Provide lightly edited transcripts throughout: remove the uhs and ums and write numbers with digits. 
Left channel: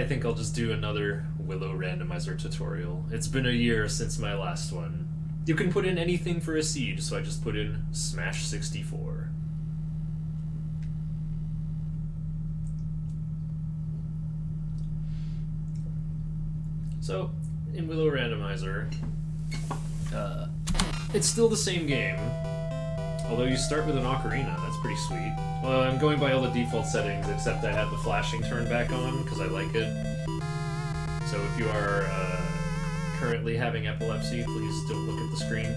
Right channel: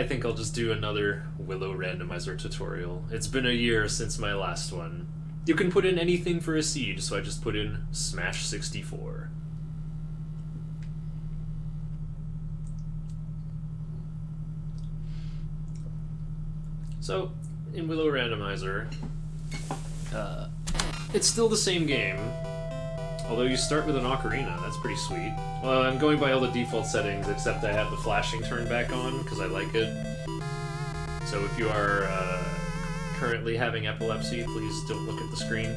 I think I'll just do another Willow randomizer tutorial. It's been a year since my last one. You can put in anything for a seed, so I just put in Smash 64. So, in Willow randomizer, it's still the same game, although you start with an ocarina. That's pretty sweet. Well, I'm going by all the default settings, except I have the flashing turned back on, because I like it. So if you are currently having epilepsy, please don't look at the screen.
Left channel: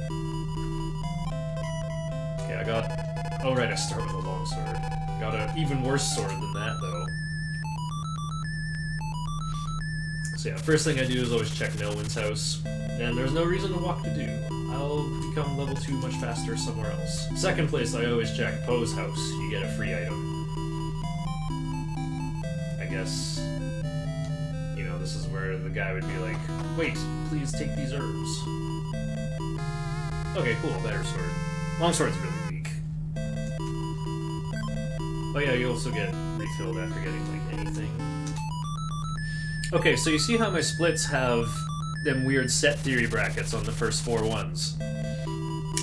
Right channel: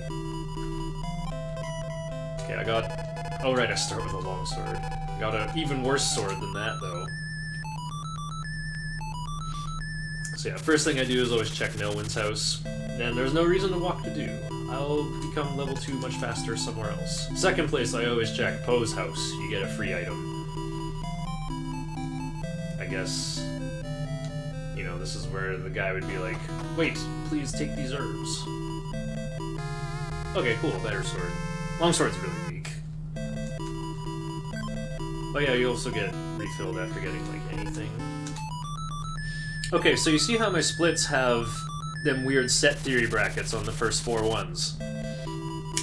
Okay, I got... Oh right, I start with a long sword. I got an even worse sword than that, though. So yeah, first thing I do is always check Nelwyn's house, and there's no reason to walk to do. I'll become level 2 much faster somewhere else. Second place, I always check Poe's house. You get a free item. I guess, you know, this is where the guy would be like, wait, please take these herbs. Okay, cool, better sword. Longsword's really weak. Oh yeah, you also get refilled after getting, like, anything. Okay, so you see how my splits have them weird set theory brackets on the first 4 ones.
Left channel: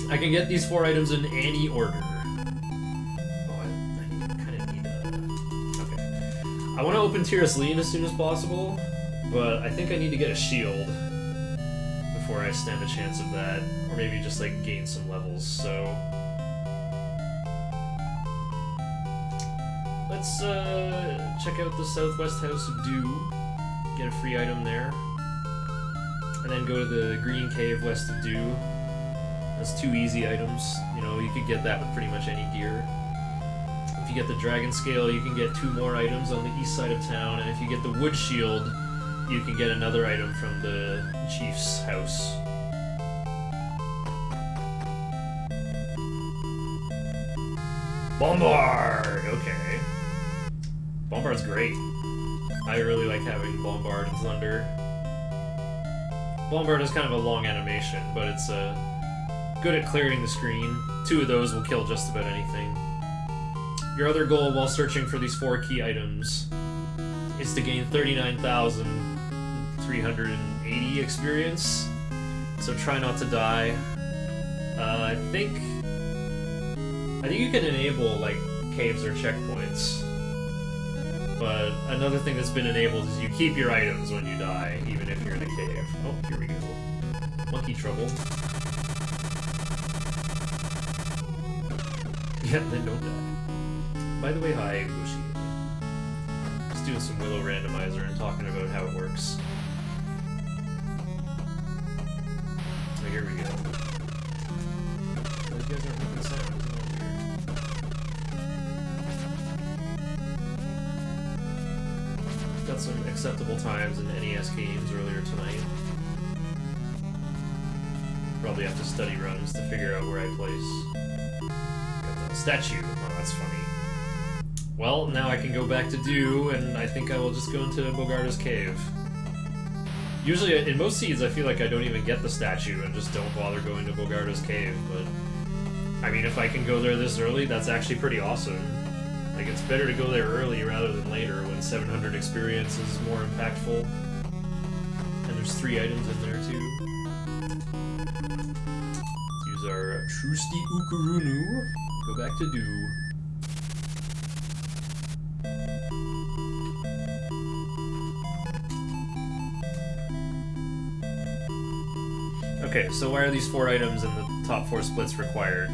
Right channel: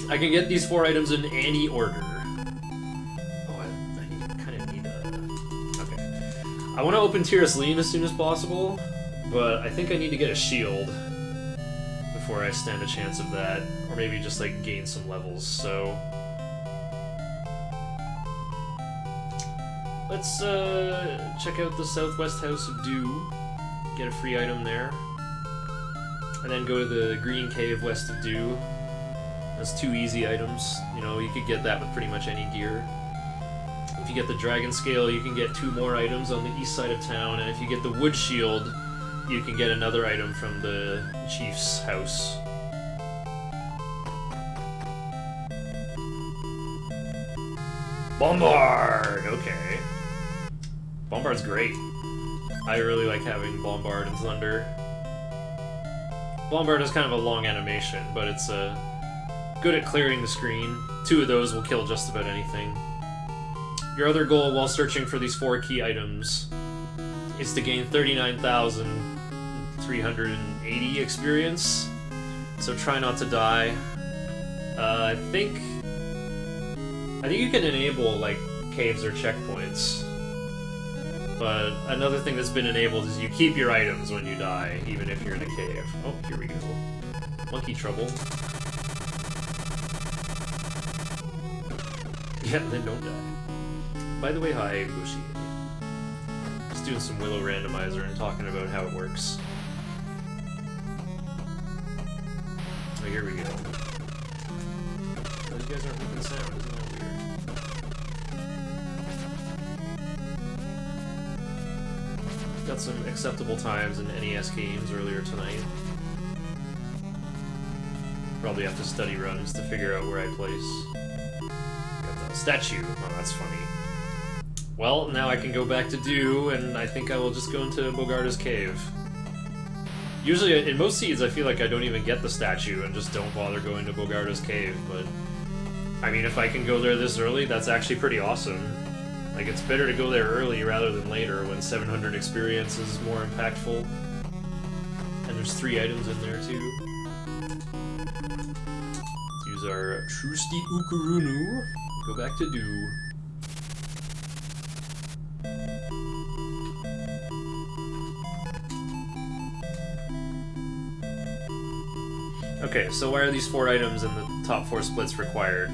I can get these 4 items in any order. Oh, I kind of need a... Okay. I want to open Tiras Lean as soon as possible, but I think I need to get a shield before I stand a chance of that. Or maybe just, like, gain some levels, so... Let's, check out the Southwest House of Dew. Get a free item there. And then go to the Green Cave west of Dew. That's 2 easy items. You know, you could get that with pretty much any gear. If you get the Dragon Scale, you can get 2 more items on the east side of town, and if you get the Wood Shield, you can get another item from the Chief's house. Bombard! Okay. Bombard's great. I really like having Bombard and Thunder. Bombard is kind of a long animation, but it's good at clearing the screen. 2 of those will kill just about anything. Your other goal while searching for these 4 key items is to gain 39,380 experience, so try not to die. I think you can enable, like, caves or checkpoints. But another thing that's been enabled is you keep your items when you die, even if you're in a cave. Oh, here we go. Monkey trouble. Yeah, then don't die. By the way, hi, Bushi. Just doing some Willow randomizer and talking about how it works. Oh, here we go. Those guys aren't making sound, isn't that weird? Got some acceptable times in NES games earlier tonight. Probably have to study runs to figure out where I place. Got the statue. Oh, that's funny. Well, now I can go back to Dew, and I think I will just go into Bogarda's cave. Usually, in most seeds, I feel like I don't even get the statue and just don't bother going to Bogarda's cave, but... I mean, if I can go there this early, that's actually pretty awesome. Like, it's better to go there early rather than later when 700 experience is more impactful. And there's 3 items in there, too. Let's use our Trusty Ukurunu. Go back to Dew. Okay, so why are these 4 items in the top 4 splits required?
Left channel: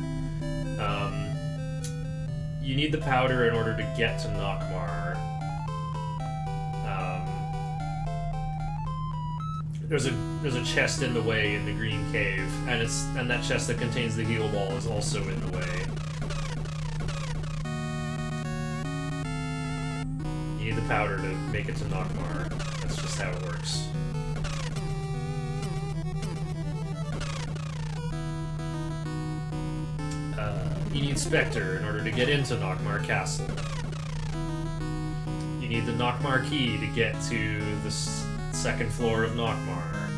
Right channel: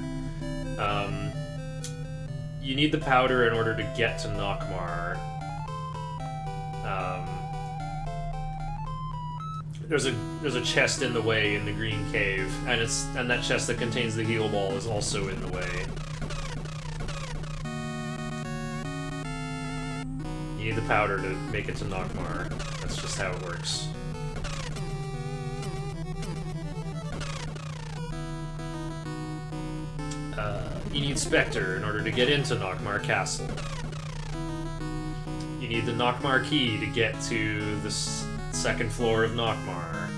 You need the powder in order to get to Nockmar. There's a chest in the way in the Green Cave, and that chest that contains the heal ball is also in the way. You need the powder to make it to Nockmar. That's just how it works. You need Spectre in order to get into Nockmar Castle. You need the Nockmar key to get to the second floor of Nockmar.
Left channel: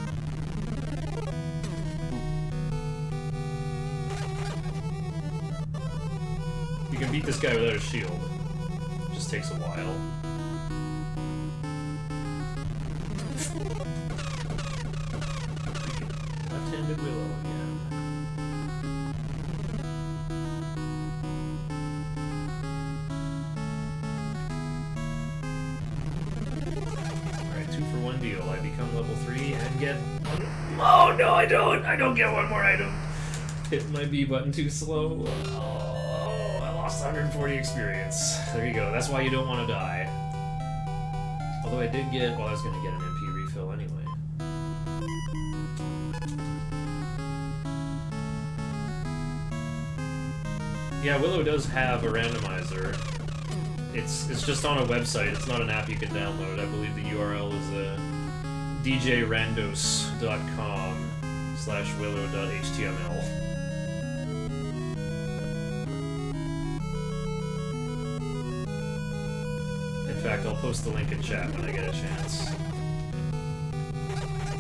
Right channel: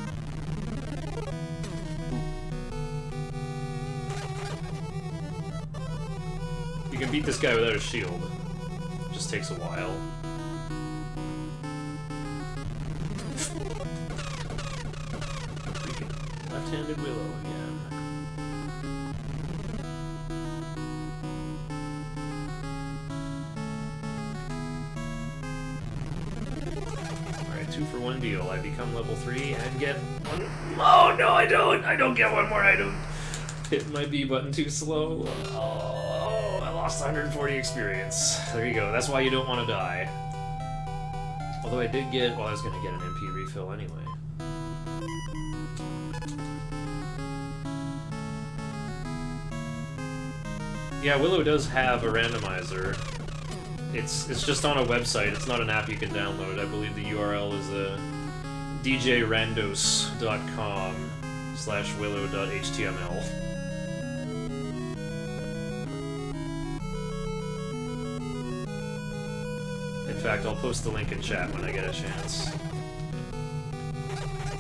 You can beat this guy without a shield. It just takes a while. left-handed Willow again. Alright, 2-for-1 deal. I become level 3 and get one. Oh no, I don't! I don't get one more item! Hit my B button too slow. Oh, I lost 140 experience. There you go. That's why you don't want to die. Although I did get... Well, I was going to get an MP refill anyway. Yeah, Willow does have a randomizer. It's just on a website. It's not an app you can download. I believe the URL is djrandos.com/willow.html. In fact, I'll post the link in chat when I get a chance.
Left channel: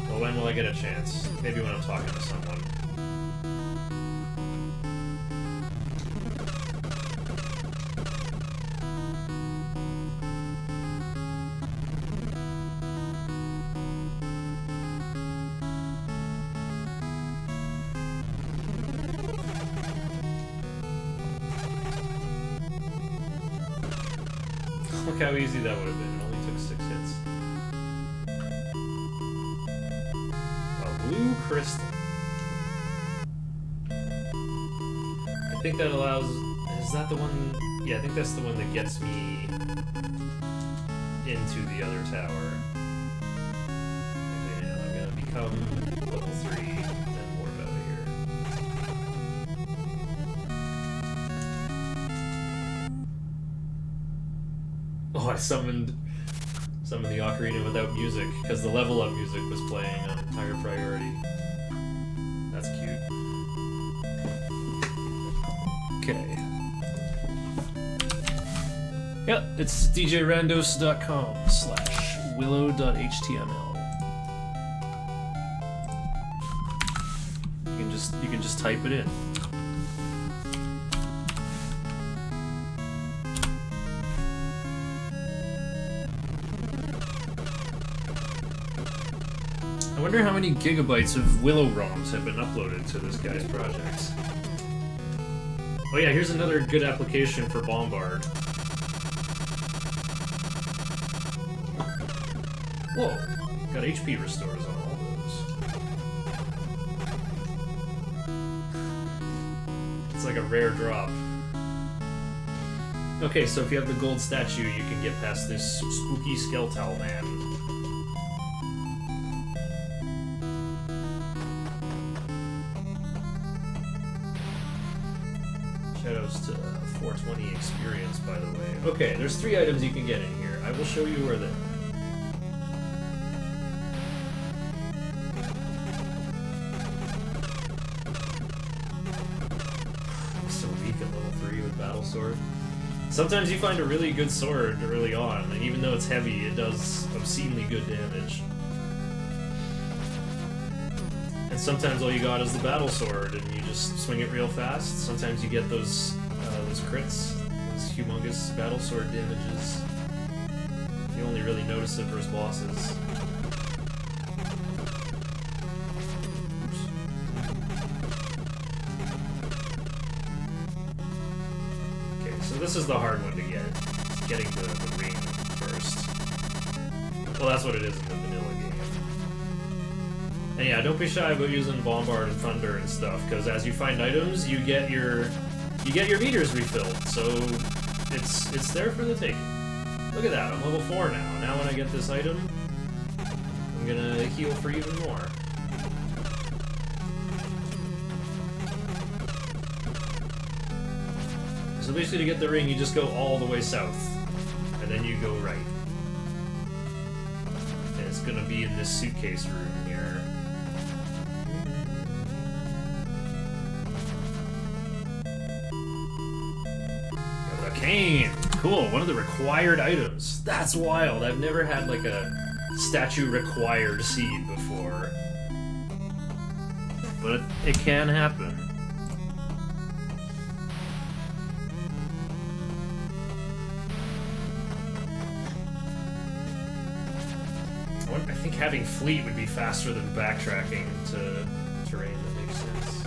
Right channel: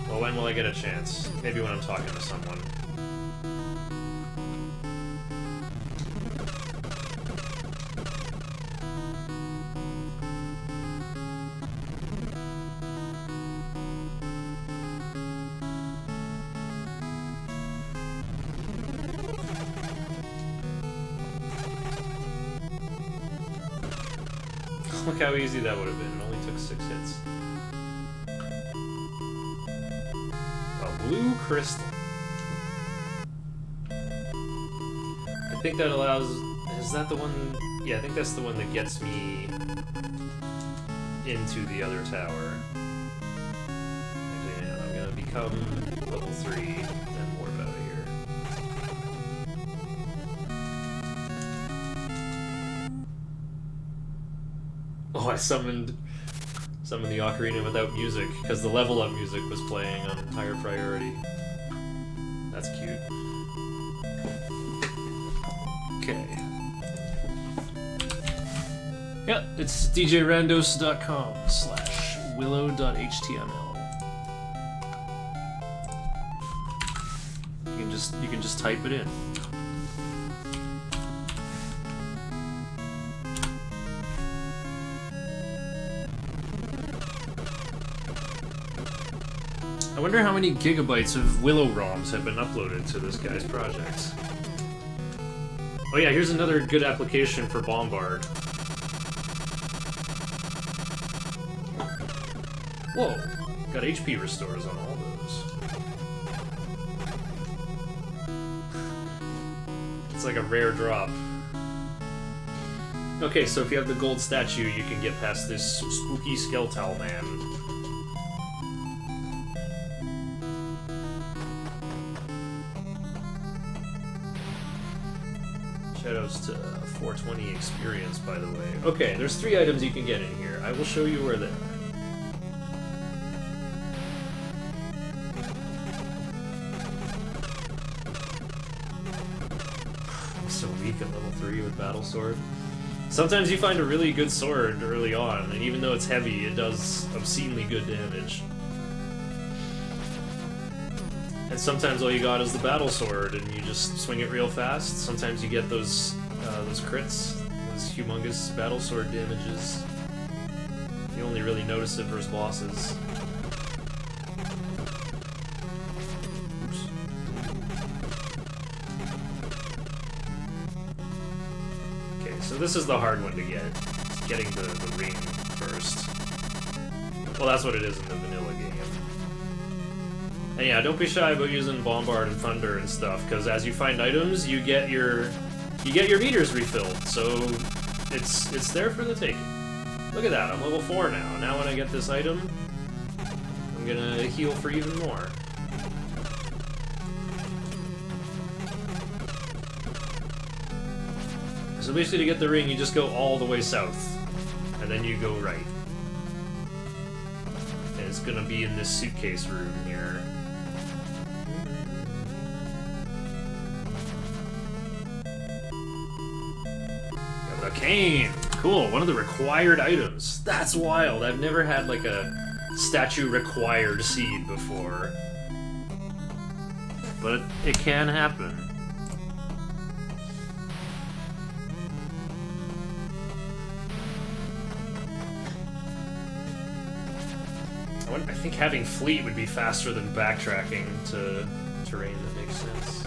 Well, when will I get a chance? Maybe when I'm talking to someone. Look how easy that would have been. It only took 6 hits. A blue crystal. I think that allows... Is that the one... Yeah, I think that's the one that gets me into the other tower. Actually, yeah, I'm gonna become level 3 and warp out of here. Oh, I summoned the ocarina without music, because the level up music was playing on higher priority. That's cute. Okay. Yeah, it's djrandos.com/willow.html. You can just type it in. I wonder how many gigabytes of Willow ROMs have been uploaded to this guy's project. Oh yeah, here's another good application for Bombard. Whoa, got HP restores on all those. It's like a rare drop. Okay, so if you have the gold statue, you can get past this spooky skeletal man. Shoutouts to 420 experience, by the way. Okay, there's 3 items you can get in here. I will show you where they are. I'm so weak at level 3 with Battle Sword. Sometimes you find a really good sword early on, and even though it's heavy, it does obscenely good damage. And sometimes all you got is the battle sword, and you just swing it real fast. Sometimes you get those crits, those humongous battle sword damages. You only really notice it versus bosses. Oops. Okay, so this is the hard one to get. It's getting the ring first. Well, that's what it is in the vanilla game. And yeah, don't be shy about using Bombard and Thunder and stuff, because as you find items, you get your meters refilled. So it's there for the taking. Look at that, I'm level 4 now. Now when I get this item, I'm gonna heal for even more. So basically to get the ring, you just go all the way south, and then you go right. And it's gonna be in this suitcase room here. Cane! Cool, one of the required items. That's wild. I've never had like a statue required seed before. But it can happen. I think having fleet would be faster than backtracking to terrain that makes sense.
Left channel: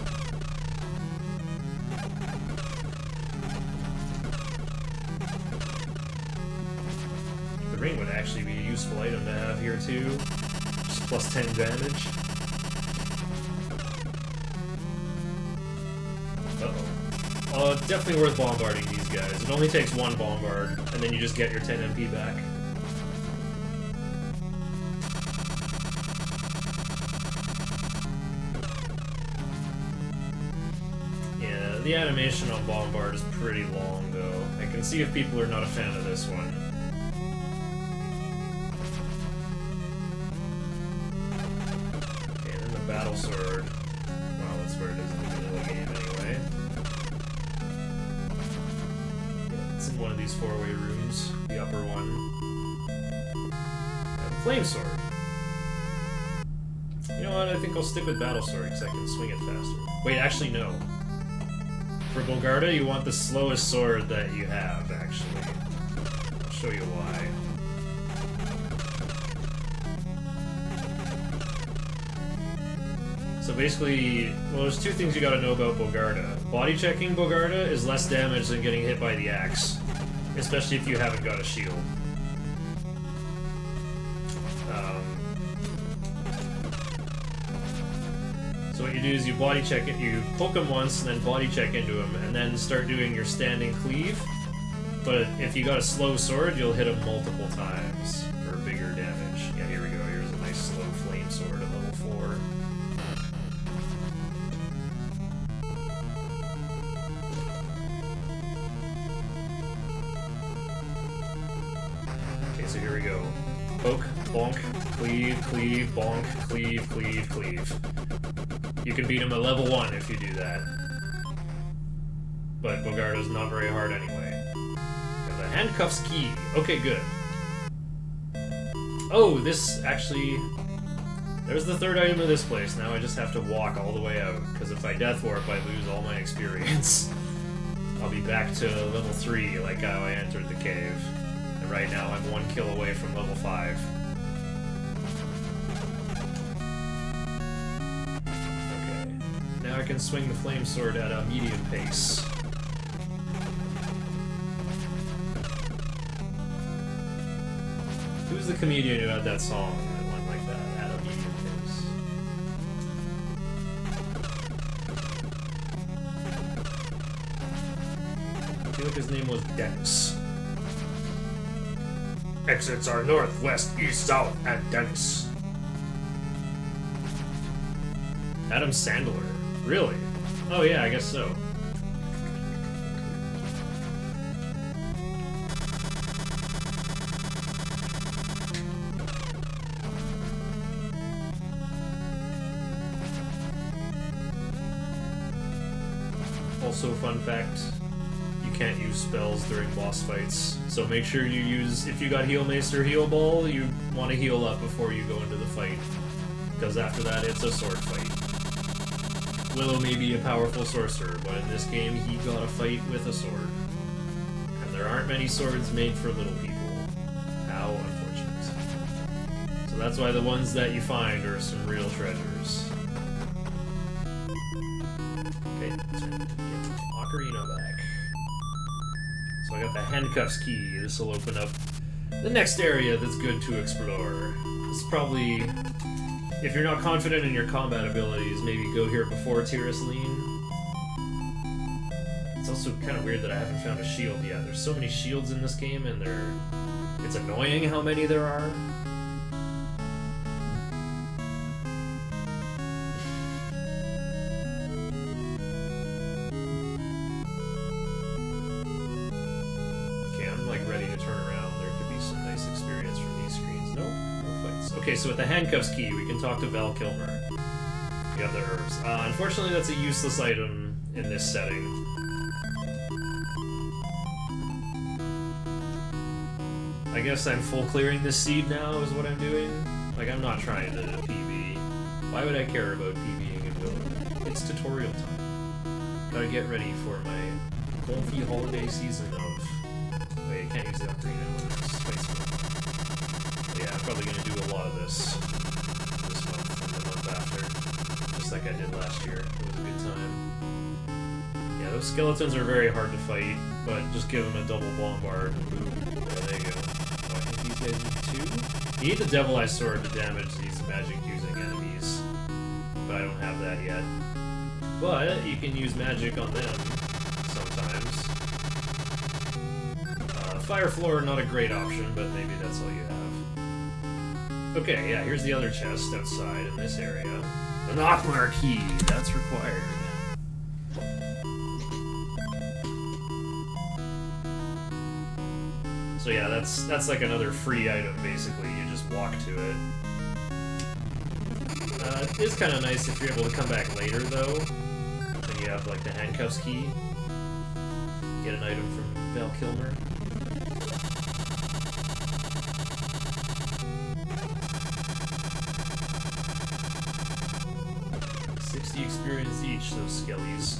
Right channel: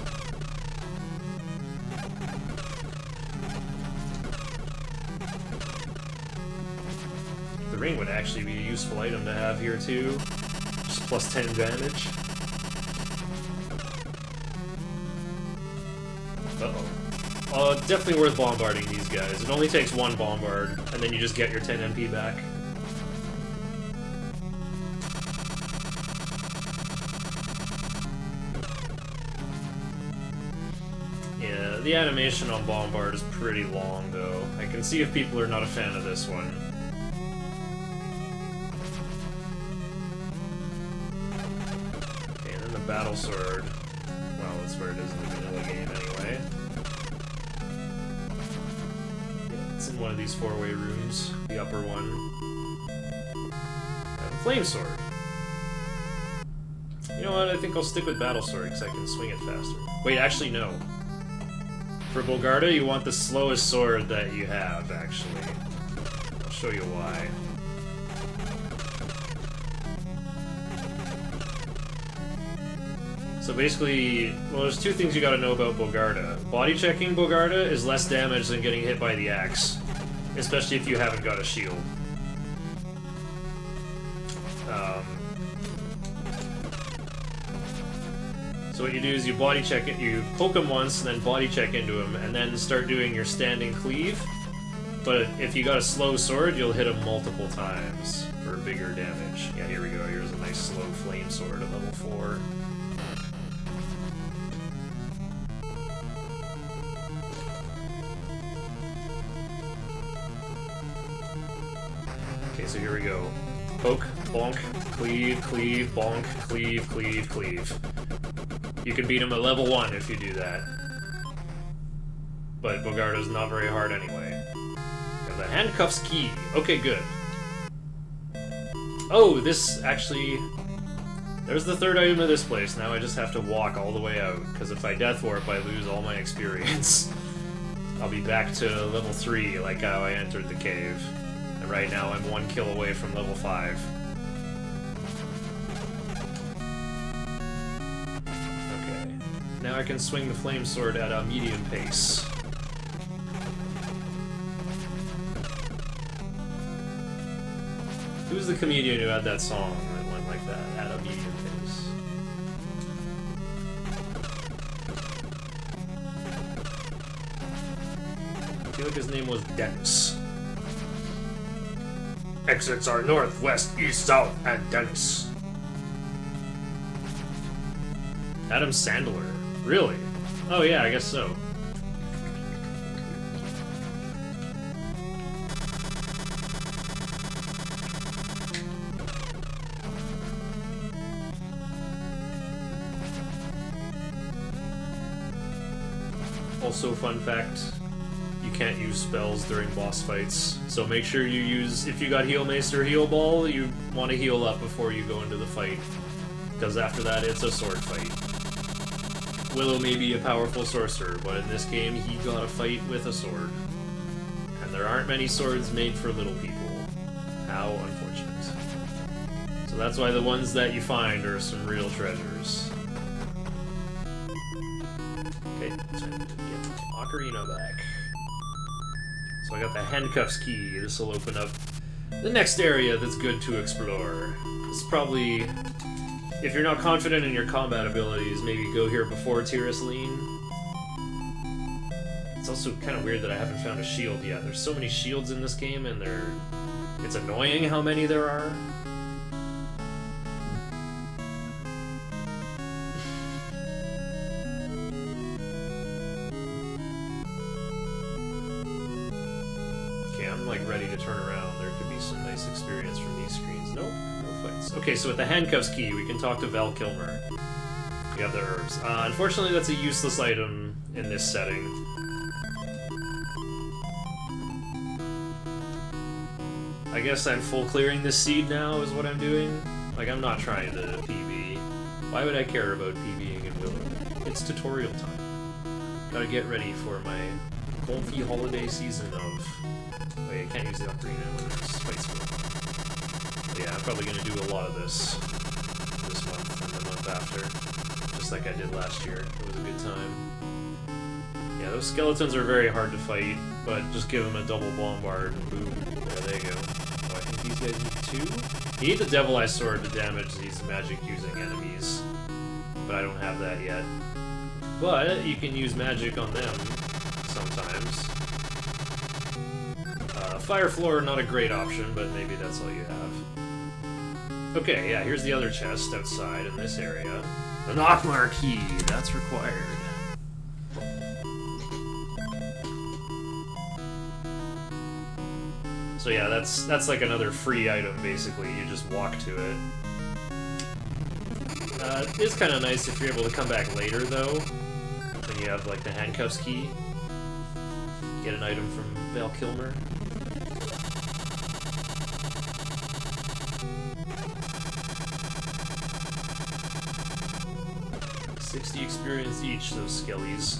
The ring would actually be a useful item to have here too. Just plus 10 damage. Uh-oh. Definitely worth bombarding these guys. It only takes one bombard, and then you just get your 10 MP back. Yeah, the animation on bombard is pretty long, though. I can see if people are not a fan of this one. Okay, and then the battle sword. Well, that's where it is in the vanilla game anyway. Yeah, it's in one of these four-way rooms, the upper one. And flame sword. You know what, I think I'll stick with battle sword because I can swing it faster. Wait, actually no. For Bogarda, you want the slowest sword that you have, actually. I'll show you why. So basically, well, there's two things you gotta know about Bogarda. Body checking Bogarda is less damage than getting hit by the axe, especially if you haven't got a shield. So what you do is you body check it, you poke him once, and then body check into him, and then start doing your standing cleave. But if you got a slow sword, you'll hit him multiple times for bigger damage. Yeah, here we go. Here's a nice slow flame sword at level 4. Okay, so here we go. Poke, bonk, cleave, cleave, bonk, cleave, cleave, cleave. You can beat him at level 1 if you do that. But Bogarda's not very hard anyway. Got the handcuffs key. Okay, good. Oh, this actually... There's the third item of this place. Now I just have to walk all the way out, because if I death warp, I lose all my experience. I'll be back to level 3, like how I entered the cave. And right now I'm 1 kill away from level 5. Now I can swing the flame sword at a medium pace. Who's the comedian who had that song that went like that, at a medium pace? I feel like his name was Dennis. Exits are north, west, east, south, and Dennis. Adam Sandler. Really? Oh yeah, I guess so. Also, fun fact, you can't use spells during boss fights, so make sure you use, if you got Heal Mace or Heal Ball, you want to heal up before you go into the fight, because after that it's a sword fight. Willow may be a powerful sorcerer, but in this game he got a fight with a sword. And there aren't many swords made for little people. How unfortunate. So that's why the ones that you find are some real treasures. Okay, time to get Ocarina back. So I got the handcuffs key. This will open up the next area that's good to explore. This is probably... If you're not confident in your combat abilities, maybe go here before Tiraslene. It's also kind of weird that I haven't found a shield yet. There's so many shields in this game, and it's annoying how many there are. Okay, I'm like ready to turn around. There could be some nice experience from these screens. Nope. Okay, so with the handcuffs key, we can talk to Val Kilmer. We have the herbs. Unfortunately, that's a useless item in this setting. I guess I'm full clearing this seed now, is what I'm doing. Like, I'm not trying to PB. Why would I care about PBing in Willow? It's tutorial time. Gotta get ready for my comfy holiday season of... Wait, I can't use the ocarina when there's Spice World. Yeah, I'm probably going to do a lot of this month and the month after. Just like I did last year. It was a good time. Yeah, those skeletons are very hard to fight, but just give them a double bombard and boom. There they go. Oh, I think these guys need 2? You need the Devil Eye Sword to damage these magic-using enemies, but I don't have that yet. But you can use magic on them sometimes. Fire Floor, not a great option, but maybe that's all you have. Okay, yeah, here's the other chest outside in this area. The Nockmar key, that's required. So yeah, that's like another free item, basically. You just walk to it. It is kind of nice if you're able to come back later, though. Then you have, like, the handcuffs key. Get an item from Val Kilmer. $60 experience each, those skellies.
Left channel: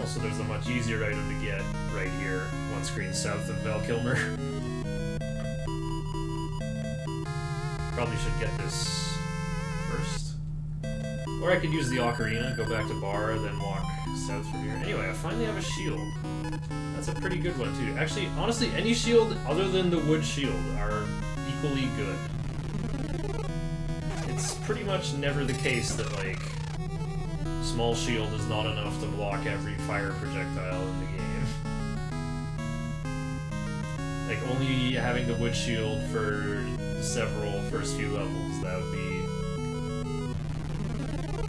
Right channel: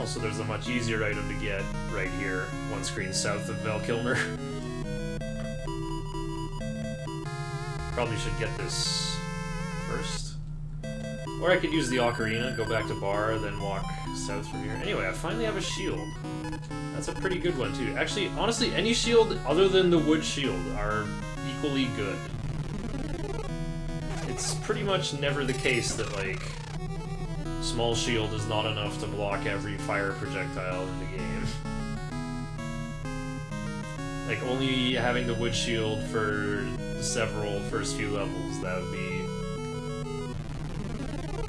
Also, there's a much easier item to get right here, one screen south of Val Kilmer. Probably should get this first. Or I could use the ocarina, go back to Bar, then walk south from here. Anyway, I finally have a shield. That's a pretty good one, too. Actually, honestly, any shield other than the wood shield are equally good. It's pretty much never the case that, like, small shield is not enough to block every fire projectile in the game. Like, only having the wood shield for several first few levels, that would be...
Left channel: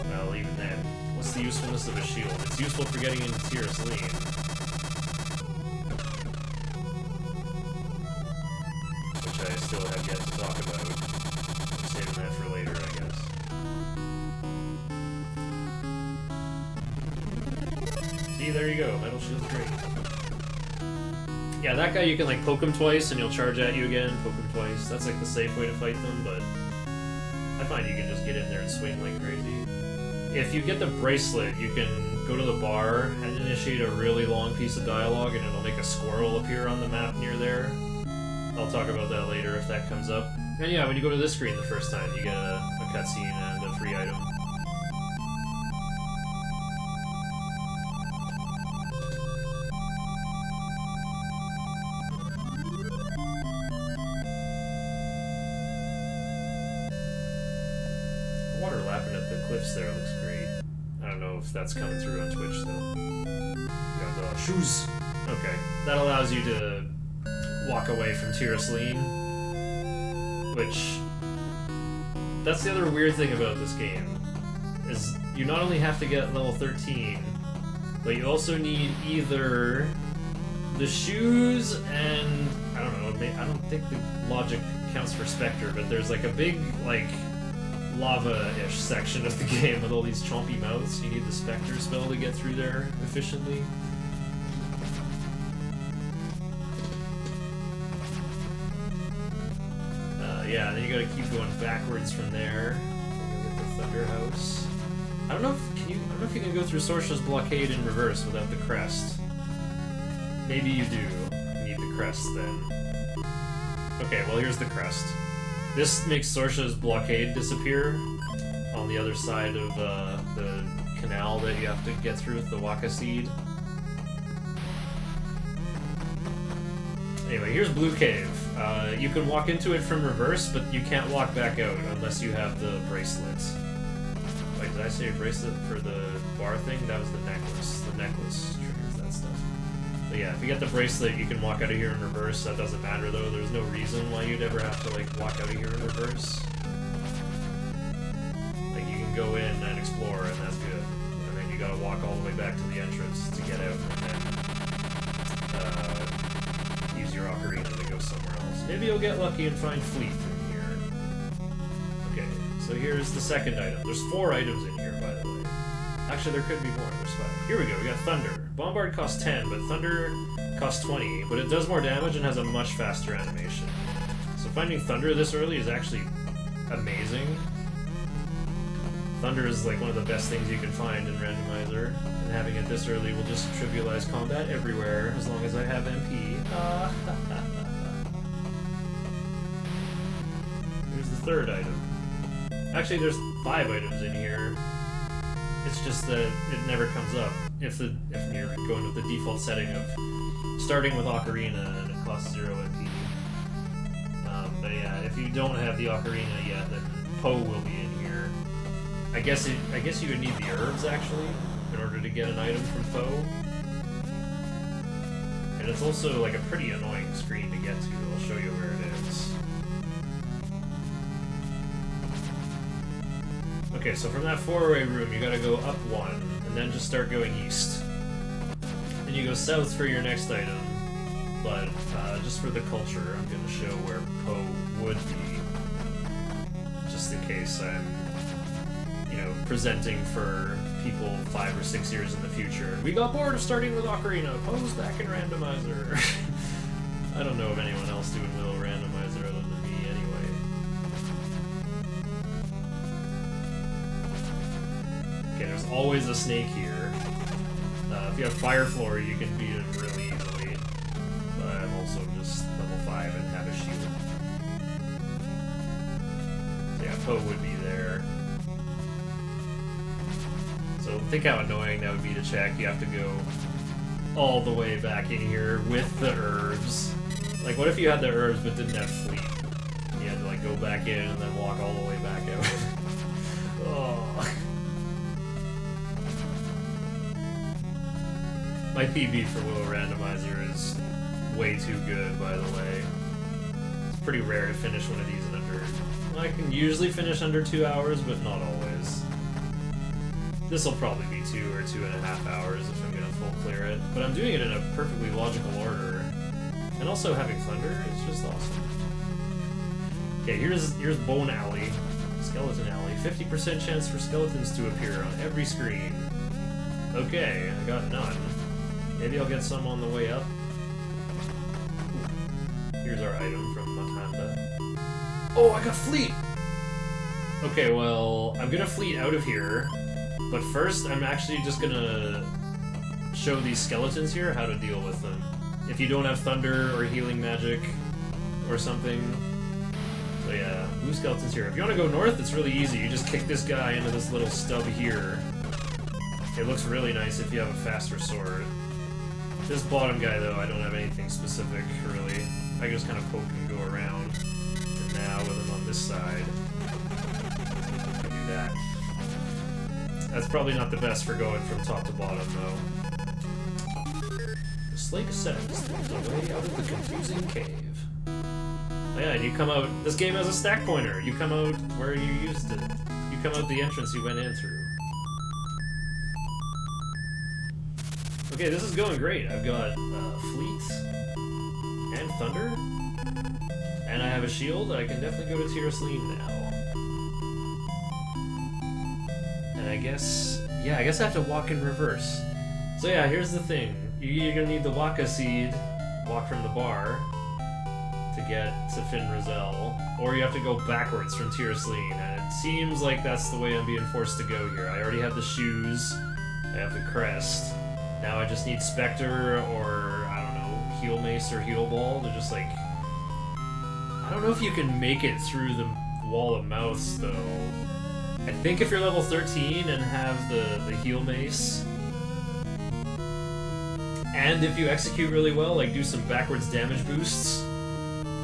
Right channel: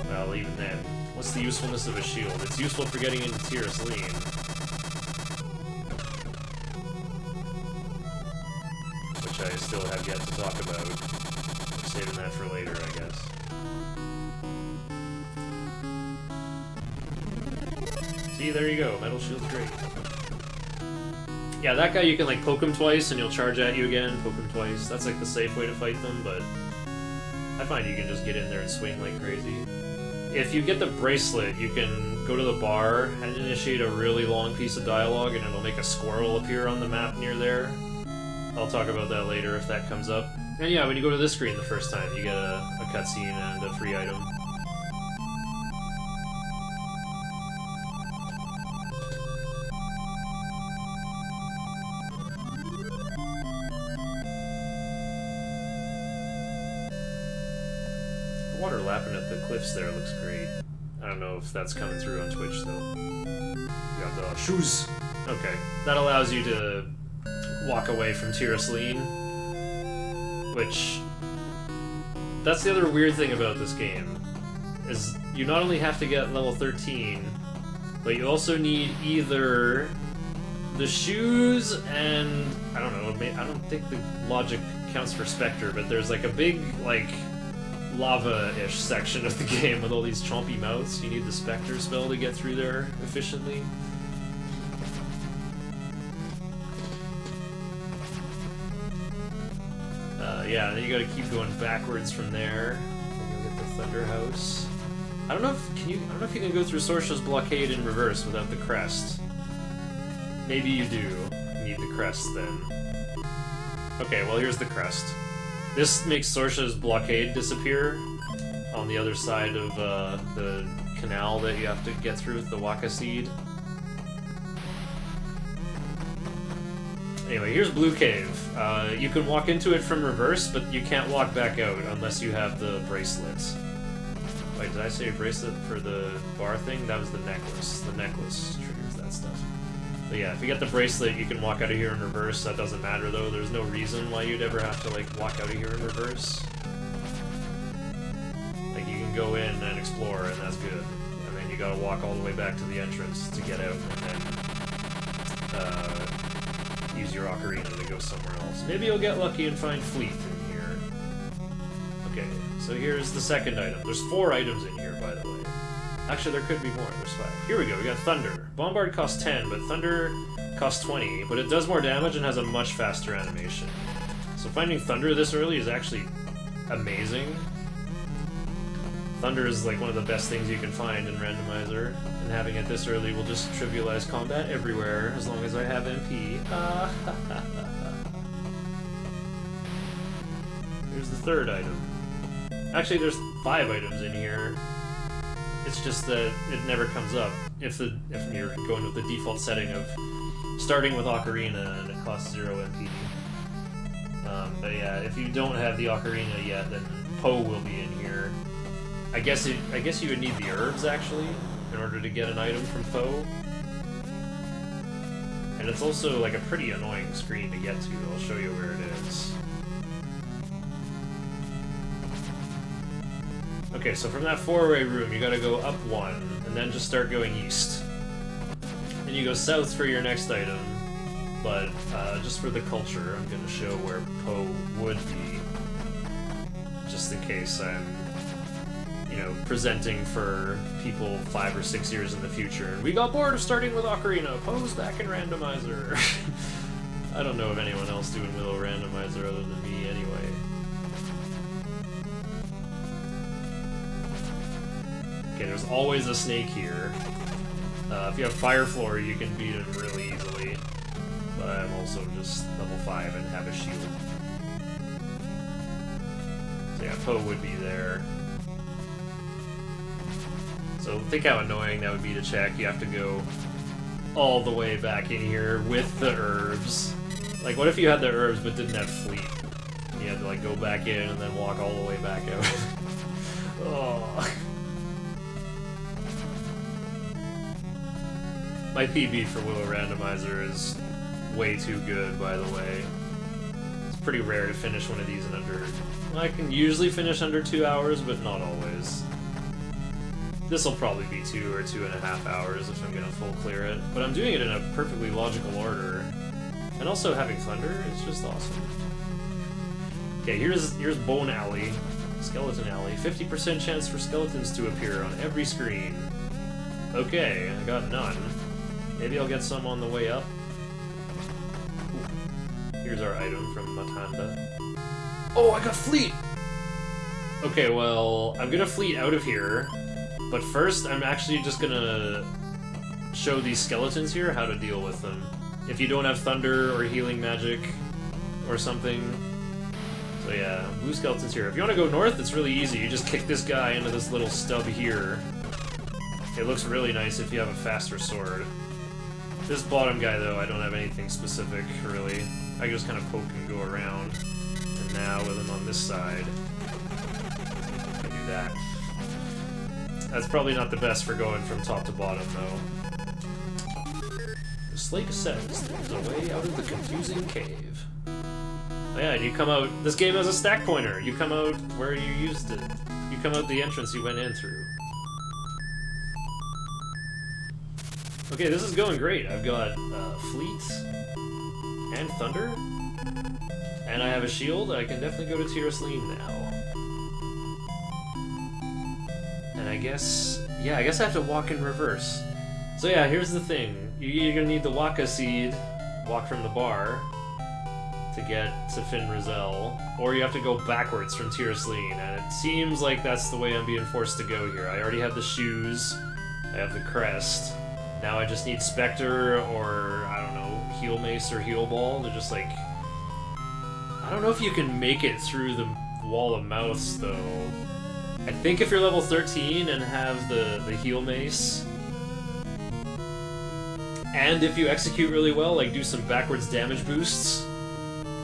Well, even then, what's the usefulness of a shield? It's useful for getting into Tirasleen. Which I still have yet to talk about. I'm saving that for later, I guess. See, there you go. Metal Shield's great. Yeah, that guy you can like poke him twice and he'll charge at you again, poke him twice. That's like the safe way to fight them, but I find you can just get in there and swing like crazy. If you get the bracelet, you can go to the bar and initiate a really long piece of dialogue and it'll make a squirrel appear on the map near there. I'll talk about that later if that comes up. And yeah, when you go to this screen the first time, you get a cutscene and a free item. Water lapping at the cliffs there looks great. I don't know if that's coming through on Twitch though. We got the shoes. Okay, that allows you to walk away from Tirasleen, which that's the other weird thing about this game is you not only have to get level 13, but you also need either the shoes and I don't know. I don't think the logic counts for Spectre, but there's like a big like lava-ish section of the game with all these chompy mouths. You need the Spectre spell to get through there efficiently. Yeah, and then you gotta keep going backwards from there. And you'll get the Thunder House. I don't know if you can go through Sorsha's blockade in reverse without the crest. Maybe you do need the crest then. Okay, well here's the crest. This makes Sorsha's blockade disappear on the other side of the canal that you have to get through with the Waka Seed. Anyway, here's Blue Cave. You can walk into it from reverse, but you can't walk back out unless you have the bracelet. Wait, did I say a bracelet for the bar thing? That was the necklace. The necklace triggers that stuff. But yeah, if you get the bracelet, you can walk out of here in reverse. That doesn't matter, though. There's no reason why you'd ever have to, like, walk out of here in reverse. Like, you can go in and explore, and that's good. And then you gotta walk all the way back to the entrance to get out, and then use your ocarina to go somewhere else. Maybe you'll get lucky and find Fleet in here. Okay, so here's the second item. There's 4 items in here, by the way. Actually, there could be more. There's 5. Here we go. We got Thunder. Bombard costs 10, but Thunder costs 20. But it does more damage and has a much faster animation. So finding Thunder this early is actually amazing. Thunder is like one of the best things you can find in Randomizer, and having it this early will just trivialize combat everywhere as long as I have MP. Here's the 3rd item. Actually, there's 5 items in here. It's just that it never comes up if you're going with the default setting of starting with Ocarina and it costs 0 MP. But yeah, if you don't have the Ocarina yet, then Poe will be in here. I guess you would need the herbs actually in order to get an item from Poe. And it's also like a pretty annoying screen to get to. I'll show you where it is. Okay, so from that 4-way room, you gotta go up 1, and then just start going east. Then you go south for your next item, but just for the culture, I'm gonna show where Poe would be, just in case I'm, you know, presenting for people 5 or 6 years in the future. And we got bored of starting with Ocarina. Poe's back in Randomizer. I don't know of anyone else doing Willow Randomizer other than me, anyway. Okay, there's always a snake here. If you have Fire Floor, you can beat him really easily. But I'm also just level 5 and have a shield. So yeah, Poe would be there. So think how annoying that would be to check. You have to go all the way back in here with the herbs. Like, what if you had the herbs but didn't have Fleet? You had to like go back in and then walk all the way back out. Oh. My PB for Willow Randomizer is way too good, by the way. It's pretty rare to finish one of these in under... Well, I can usually finish under 2 hours, but not always. This'll probably be 2 or 2.5 hours if I'm gonna full clear it. But I'm doing it in a perfectly logical order. And also having Thunder is just awesome. Okay, here's Bone Alley. Skeleton Alley. 50% chance for skeletons to appear on every screen. Okay, I got none. Maybe I'll get some on the way up. Ooh. Here's our item from Matanda. Oh, I got Fleet! Okay, well, I'm gonna Fleet out of here, but first I'm actually just gonna show these skeletons here how to deal with them. If you don't have Thunder or Healing Magic or something. So yeah, blue skeletons here. If you want to go north, it's really easy. You just kick this guy into this little stub here. It looks really nice if you have a faster sword. This bottom guy, though, I don't have anything specific, really. I can just kind of poke and go around. And now, with him on this side, I can do that. That's probably not the best for going from top to bottom, though. The Slake says there's a way out of the confusing cave. Oh yeah, and you come out... This game has a stack pointer! You come out where you used it. You come out the entrance you went in through. Okay, this is going great. I've got Fleet and Thunder, and I have a shield. I can definitely go to Tirasleen now. And I guess I have to walk in reverse. So yeah, here's the thing. You're gonna need the Waka Seed, walk from the bar, to get to Fin Rizal, or you have to go backwards from Tirasleen, and it seems like that's the way I'm being forced to go here. I already have the shoes, I have the crest. Now I just need Spectre or, I don't know, Heal Mace or Heal Ball to just like... I don't know if you can make it through the wall of mouths though. I think if you're level 13 and have the Heal Mace, and if you execute really well, like do some backwards damage boosts,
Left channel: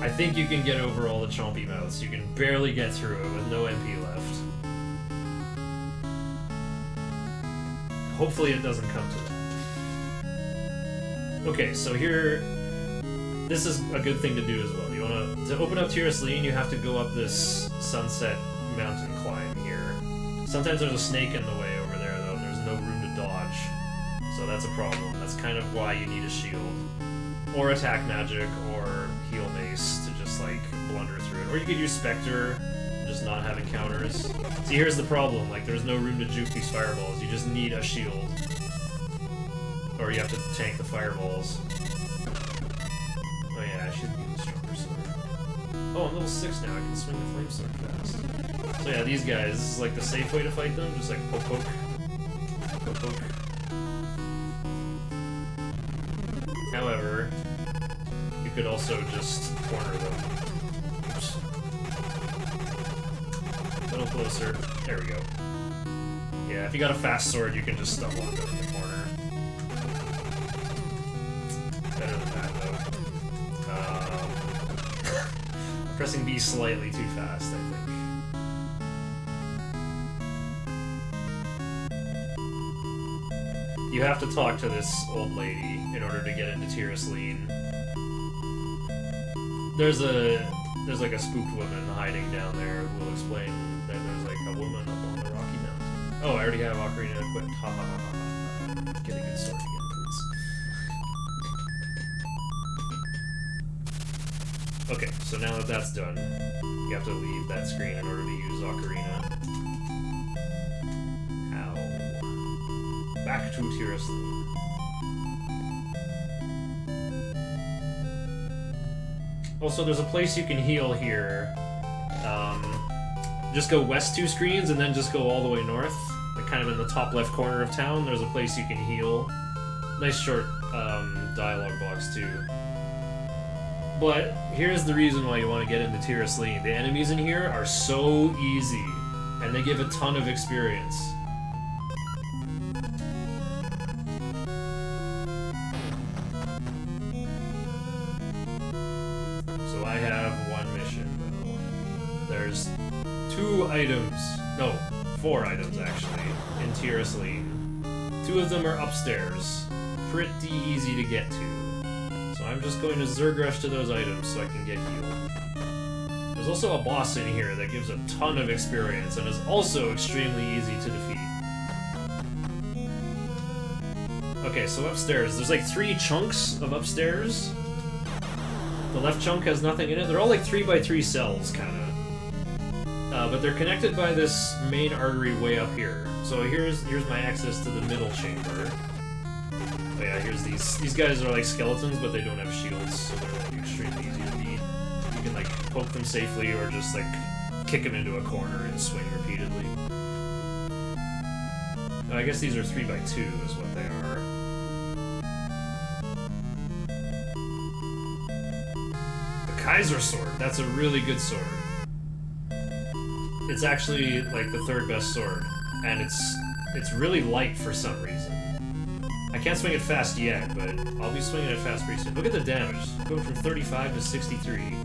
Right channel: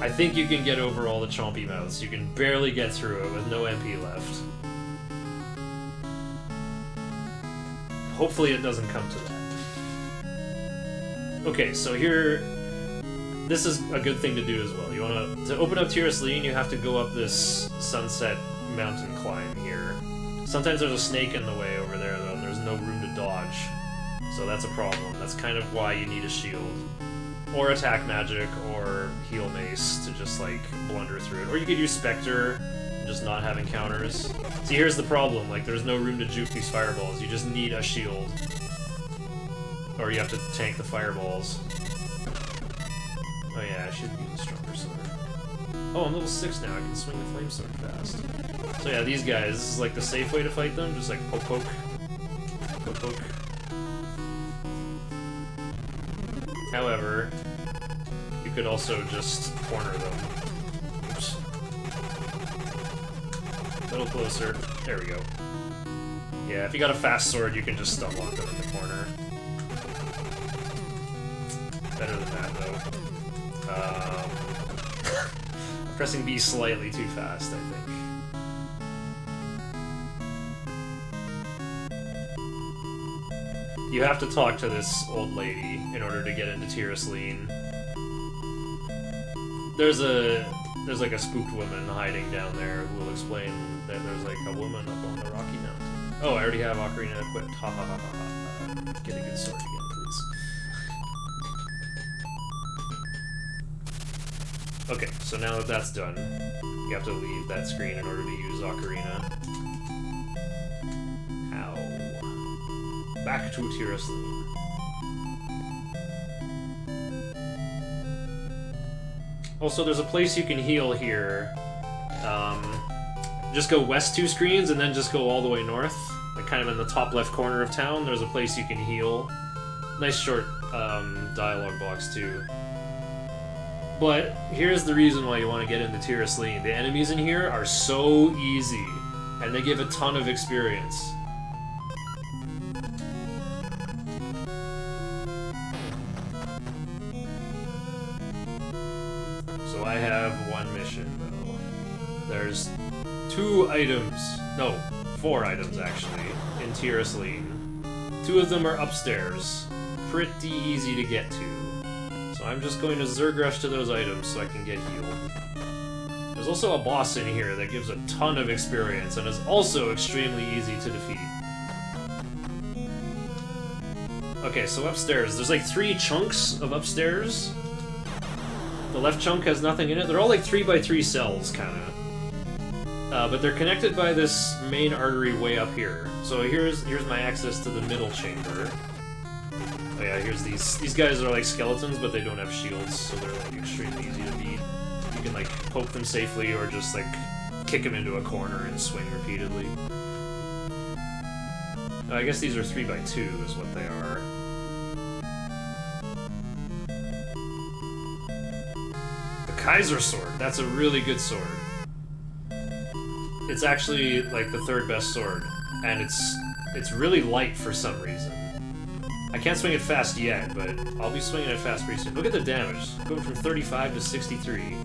I think you can get over all the chompy mouths. You can barely get through it with no MP left. Hopefully it doesn't come to that. Okay, so here, this is a good thing to do as well. You want to open up Tirasleen, you have to go up this Sunset Mountain climb here. Sometimes there's a snake in the way over there, though, and there's no room to dodge. So that's a problem. That's kind of why you need a shield. Or attack magic, or heal mace to just, like, blunder through it. Or you could use Spectre, and just not having counters. See, here's the problem, like, there's no room to juke these fireballs. You just need a shield. Or you have to tank the fireballs. Oh yeah, I should use a stronger sword. Oh, I'm level 6 now, I can swing the flame sword fast. So yeah, these guys, this is like the safe way to fight them, just like poke poke. Poke poke. However, you could also just corner them. Oops. A little closer. There we go. Yeah, if you got a fast sword, you can just stun lock them in the corner. Better than that, though. I'm pressing B slightly too fast, I think. You have to talk to this old lady in order to get into Tyrosline. There's like a spooked woman hiding down there who will explain that there's like a woman up on the Rocky Mountain. Oh, I already have Ocarina equipped. Ha ha ha ha ha. Get a good sword again, please. Okay, so now that that's done, you have to leave that screen in order to use Ocarina. Ow. Back to Tyrosline. Also, there's a place you can heal here. Just go west 2 screens and then just go all the way north. Like kind of in the top left corner of town, there's a place you can heal. Nice short dialogue box too. But here's the reason why you want to get into Tyrosline. The enemies in here are so easy, and they give a ton of experience. So I have one mission, though. There's 2 items, no, 4 items actually, in Tyrosline. 2 of them are upstairs. Pretty easy to get to. So I'm just going to Zerg Rush to those items so I can get healed. There's also a boss in here that gives a ton of experience and is also extremely easy to defeat. Okay, so upstairs, there's like 3 chunks of upstairs. The left chunk has nothing in it. They're all like 3x3 cells, kinda. But they're connected by this main artery way up here. So here's my access to the middle chamber. Oh yeah, here's these guys are like skeletons, but they don't have shields, so they're like extremely easy to beat. You can like poke them safely or just like kick them into a corner and swing repeatedly. I guess these are 3x2 is what they are. The Kaiser sword, that's a really good sword. It's actually like the 3rd best sword, and it's really light for some reason. I can't swing it fast yet, but I'll be swinging it fast pretty soon. Look at the damage, going from 35 to 63.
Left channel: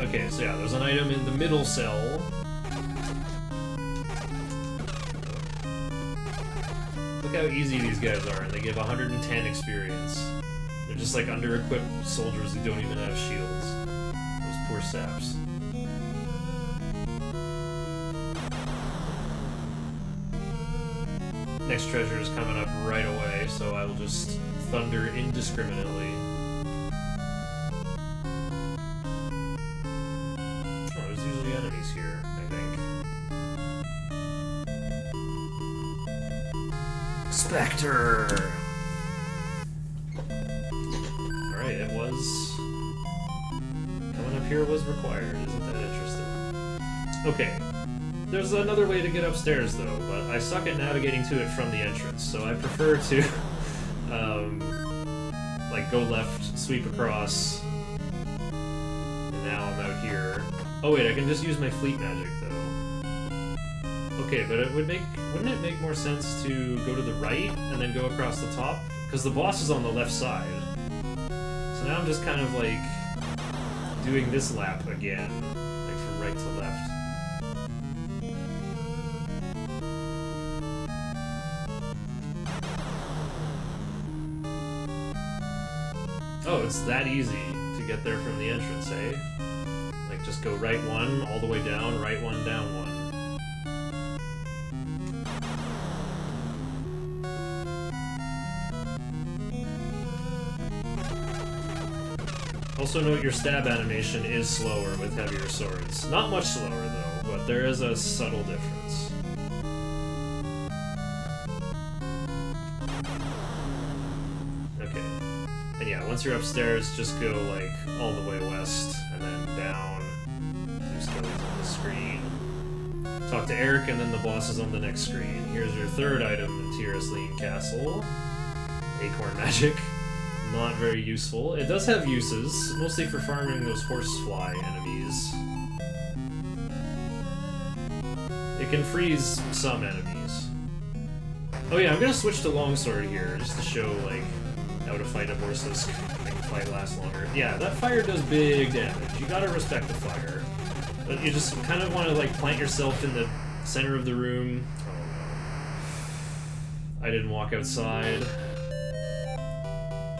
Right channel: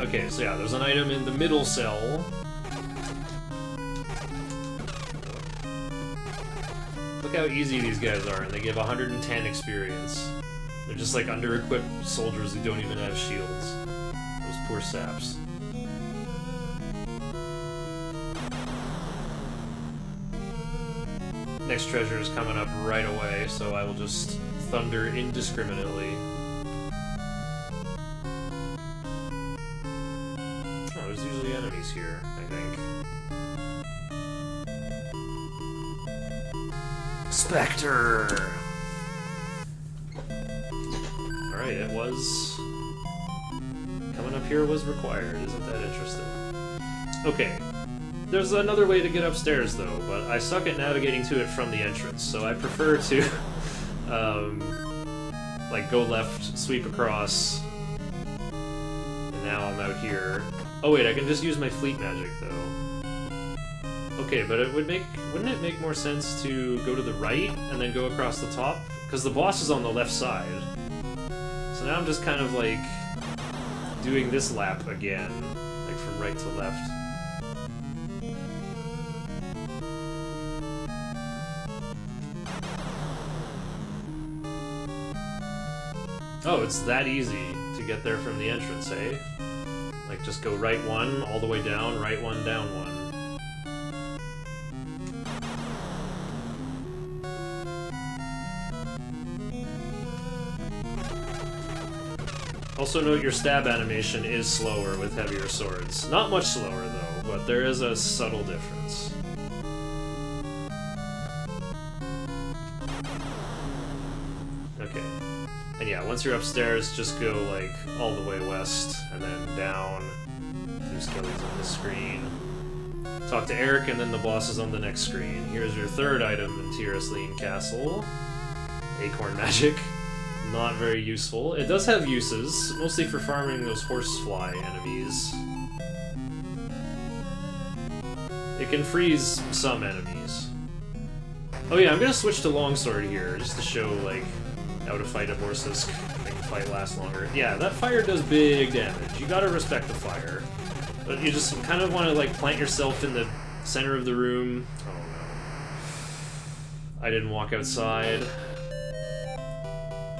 Okay, so yeah, there's an item in the middle cell. Look how easy these guys are, and they give 110 experience. They're just like under-equipped soldiers who don't even have shields. Those poor saps. Next treasure is coming up right away, so I will just thunder indiscriminately. Oh, there's usually enemies here, I think. Spectre! Alright, it was... coming up here was required, isn't that interesting? Okay. There's another way to get upstairs, though, but I suck at navigating to it from the entrance, so I prefer to, like, go left, sweep across, and now I'm out here. Oh wait, I can just use my fleet magic, though. Okay, but wouldn't it make more sense to go to the right, and then go across the top? Because the boss is on the left side. So now I'm just kind of, like, doing this lap again, like, from right to left. Oh, it's that easy to get there from the entrance, eh? Like, just go right 1, all the way down, right 1, down 1. Also note your stab animation is slower with heavier swords. Not much slower though, but there is a subtle difference. Okay. And yeah, once you're upstairs, just go like all the way west and then down. There's skellies on the screen. Talk to Eric and then the boss is on the next screen. Here's your third item in Tyroslean Castle. Acorn magic. Not very useful. It does have uses, mostly for farming those horsefly enemies. It can freeze some enemies. Oh yeah, I'm gonna switch to longsword here, just to show, like, how to fight a Borsisk, make the fight last longer. Yeah, that fire does big damage. You gotta respect the fire. But you just kind of want to, like, plant yourself in the center of the room. Oh no. I didn't walk outside.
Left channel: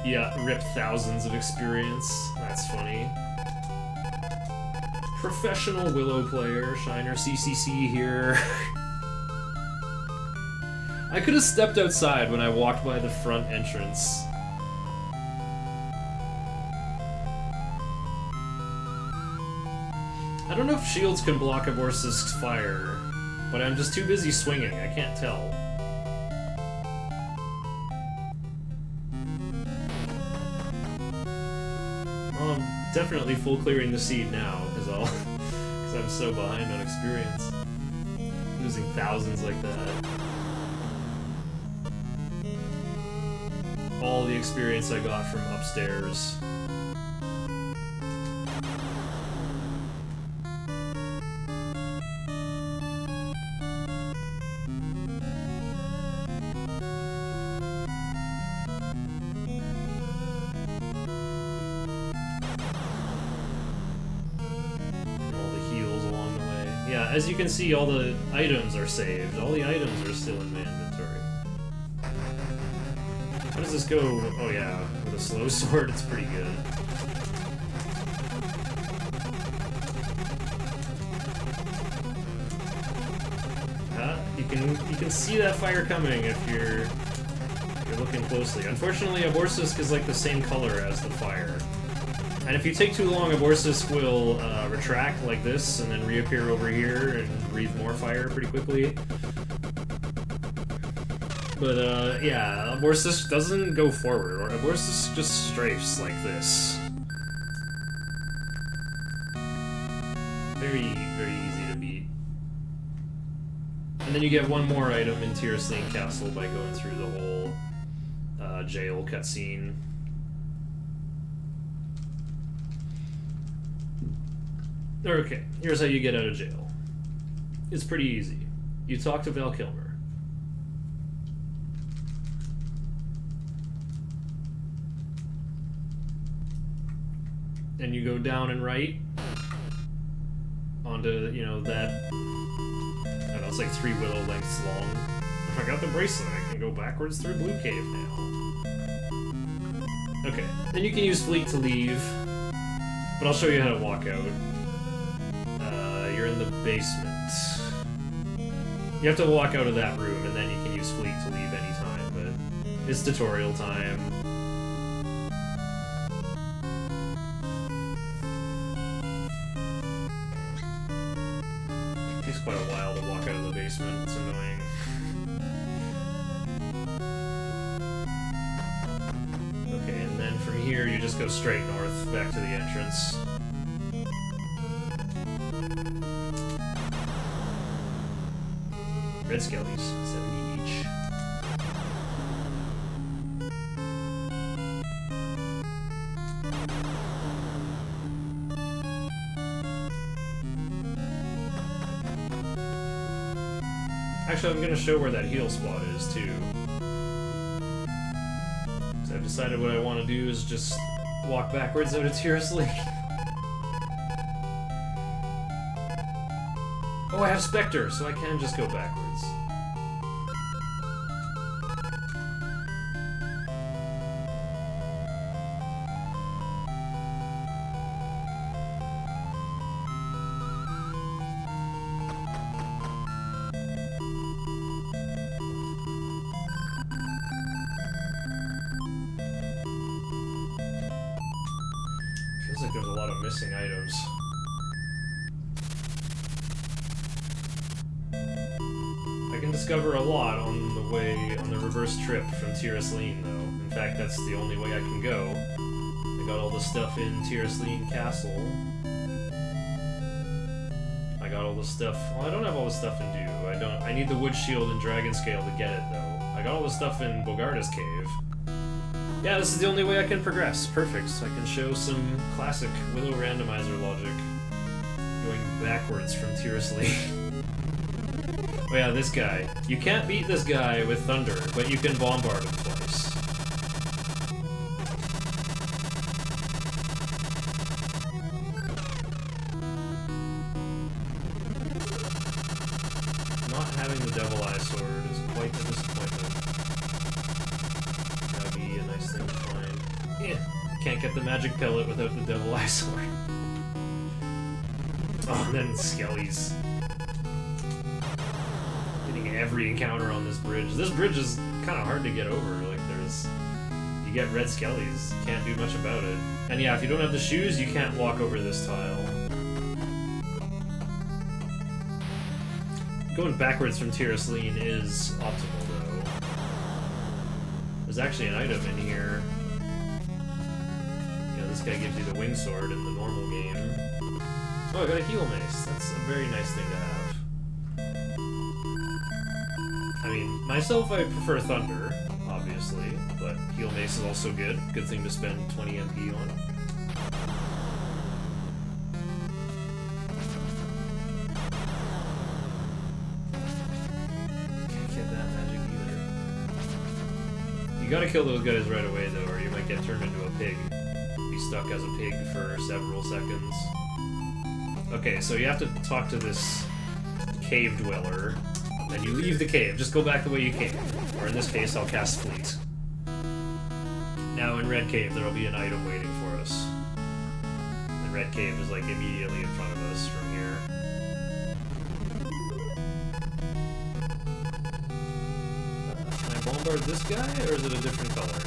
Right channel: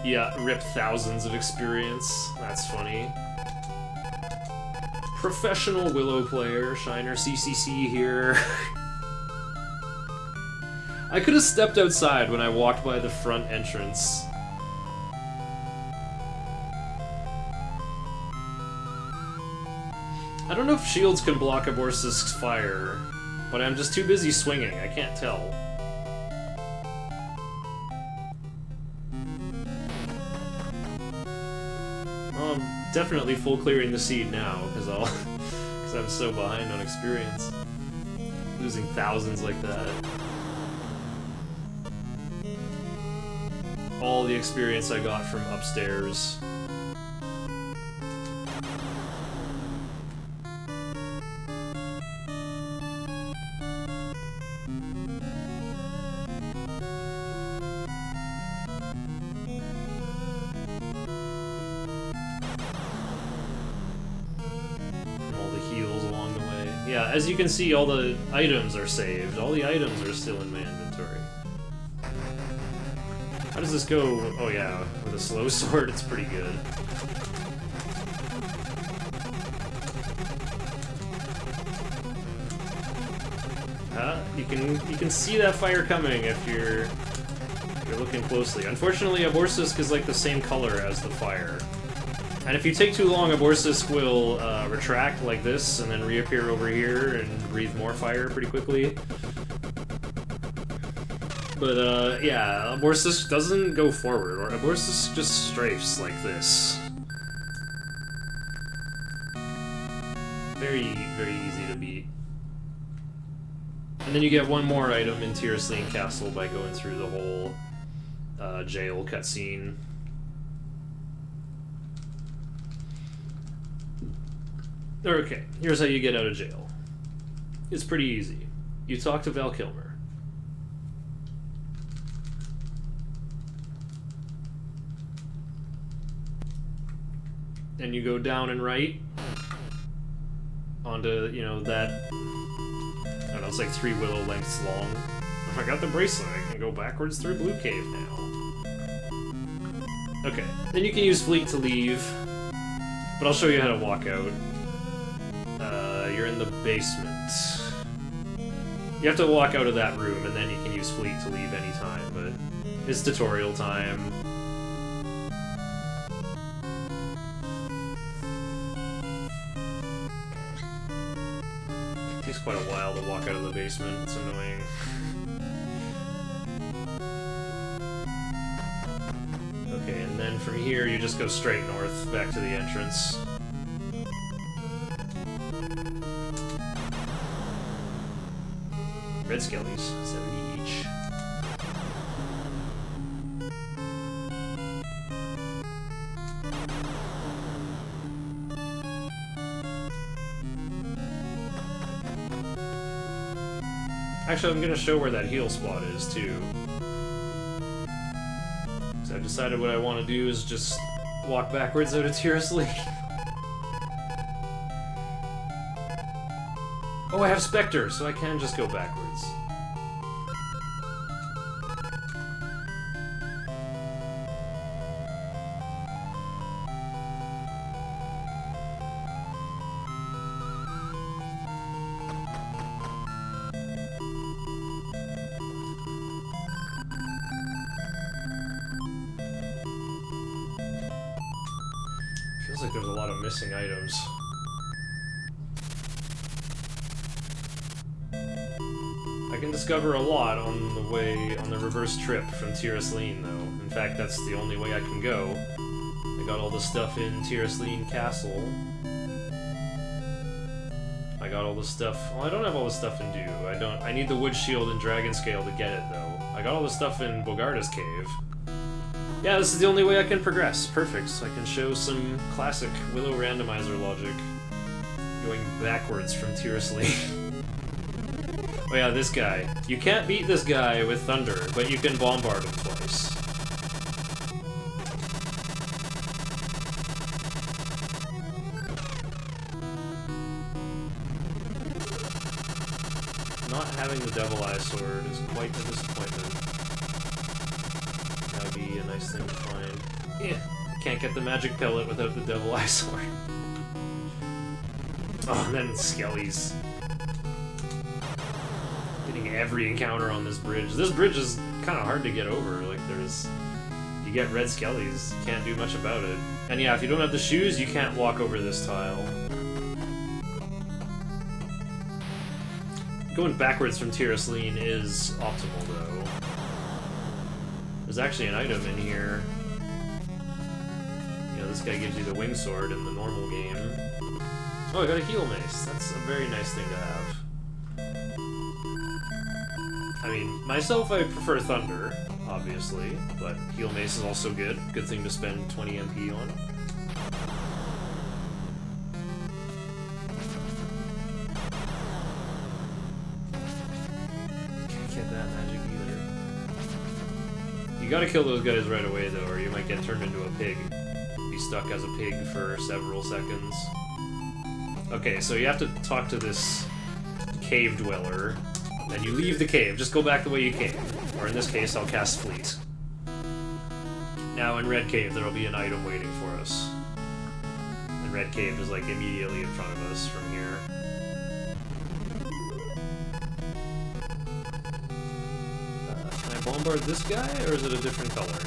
Yeah, rip thousands of experience. That's funny. Professional Willow player, ShinerCCC here. I could have stepped outside when I walked by the front entrance. I don't know if shields can block a Borsisk's fire, but I'm just too busy swinging, I can't tell. Well, I'm definitely full clearing the seed now, because I'm so behind on experience. Losing thousands like that. All the experience I got from upstairs. Yeah, as you can see, all the items are saved. All the items are still in my inventory. How does this go? Oh yeah, with a slow sword, it's pretty good. You can see that fire coming if you're looking closely. Unfortunately, a Borsisk is like the same color as the fire. And if you take too long, a Borsisk will retract like this and then reappear over here and breathe more fire pretty quickly. But yeah, a Borsisk doesn't go forward, or a Borsisk just strafes like this. Very, very easy to beat. And then you get one more item in Tyroslean Castle by going through the whole jail cutscene. Okay, here's how you get out of jail. It's pretty easy. You talk to Val Kilmer. And you go down and right onto, you know, that, I don't know, it's like 3 Willow lengths long. I got the bracelet, I can go backwards through Blue Cave now. Okay, then you can use Fleet to leave, but I'll show you how to walk out. You're in the basement. You have to walk out of that room, and then you can use Fleet to leave anytime, but it's tutorial time. It takes quite a while to walk out of the basement, it's annoying. Okay, and then from here you just go straight north, back to the entrance. Red skellies, 70 each. Actually, I'm gonna show where that heal spot is, too. So I've decided what I want to do is just walk backwards out of Tyroslean. Oh, I have Spectre, so I can just go backwards. Seems like there's a lot of missing items. I can discover a lot on the way, on the reverse trip from Tirasleen, though. In fact, that's the only way I can go. I got all the stuff in Tirasleen Castle. I got all the stuff... Well, I don't have all the stuff in Dew. I need the wood shield and dragon scale to get it, though. I got all the stuff in Bogarda's cave. Yeah, this is the only way I can progress. Perfect. So I can show some classic Willow randomizer logic. Going backwards from Tirasleen. Oh yeah, this guy. You can't beat this guy with thunder, but you can bombard him twice. Not having the Devil Eye sword is quite a disappointment. That would be a nice thing to find. Yeah, can't get the magic pellet without the Devil Eye sword. Oh, and then Skellies. Getting every encounter on this bridge. This bridge is kind of hard to get over. Like, you get red Skellies, you can't do much about it. And yeah, if you don't have the shoes, you can't walk over this tile. Going backwards from Tirasleen is optimal, though. There's actually an item in here. You know, this guy gives you the wing sword in the normal game. Oh, I got a heal mace. That's a very nice thing to have. I mean, myself, I prefer Thunder, obviously, but heal mace is also good. Good thing to spend 20 MP on. Can't get that magic either. You gotta kill those guys right away, though, or you might get turned into a pig. Be stuck as a pig for several seconds. Okay, so you have to talk to this cave dweller. And you leave the cave. Just go back the way you came. Or in this case, I'll cast Fleet. Now in Red Cave, there'll be an item waiting for us. And Red Cave is like immediately in front of us from here. Can I bombard this guy, or is it a different color?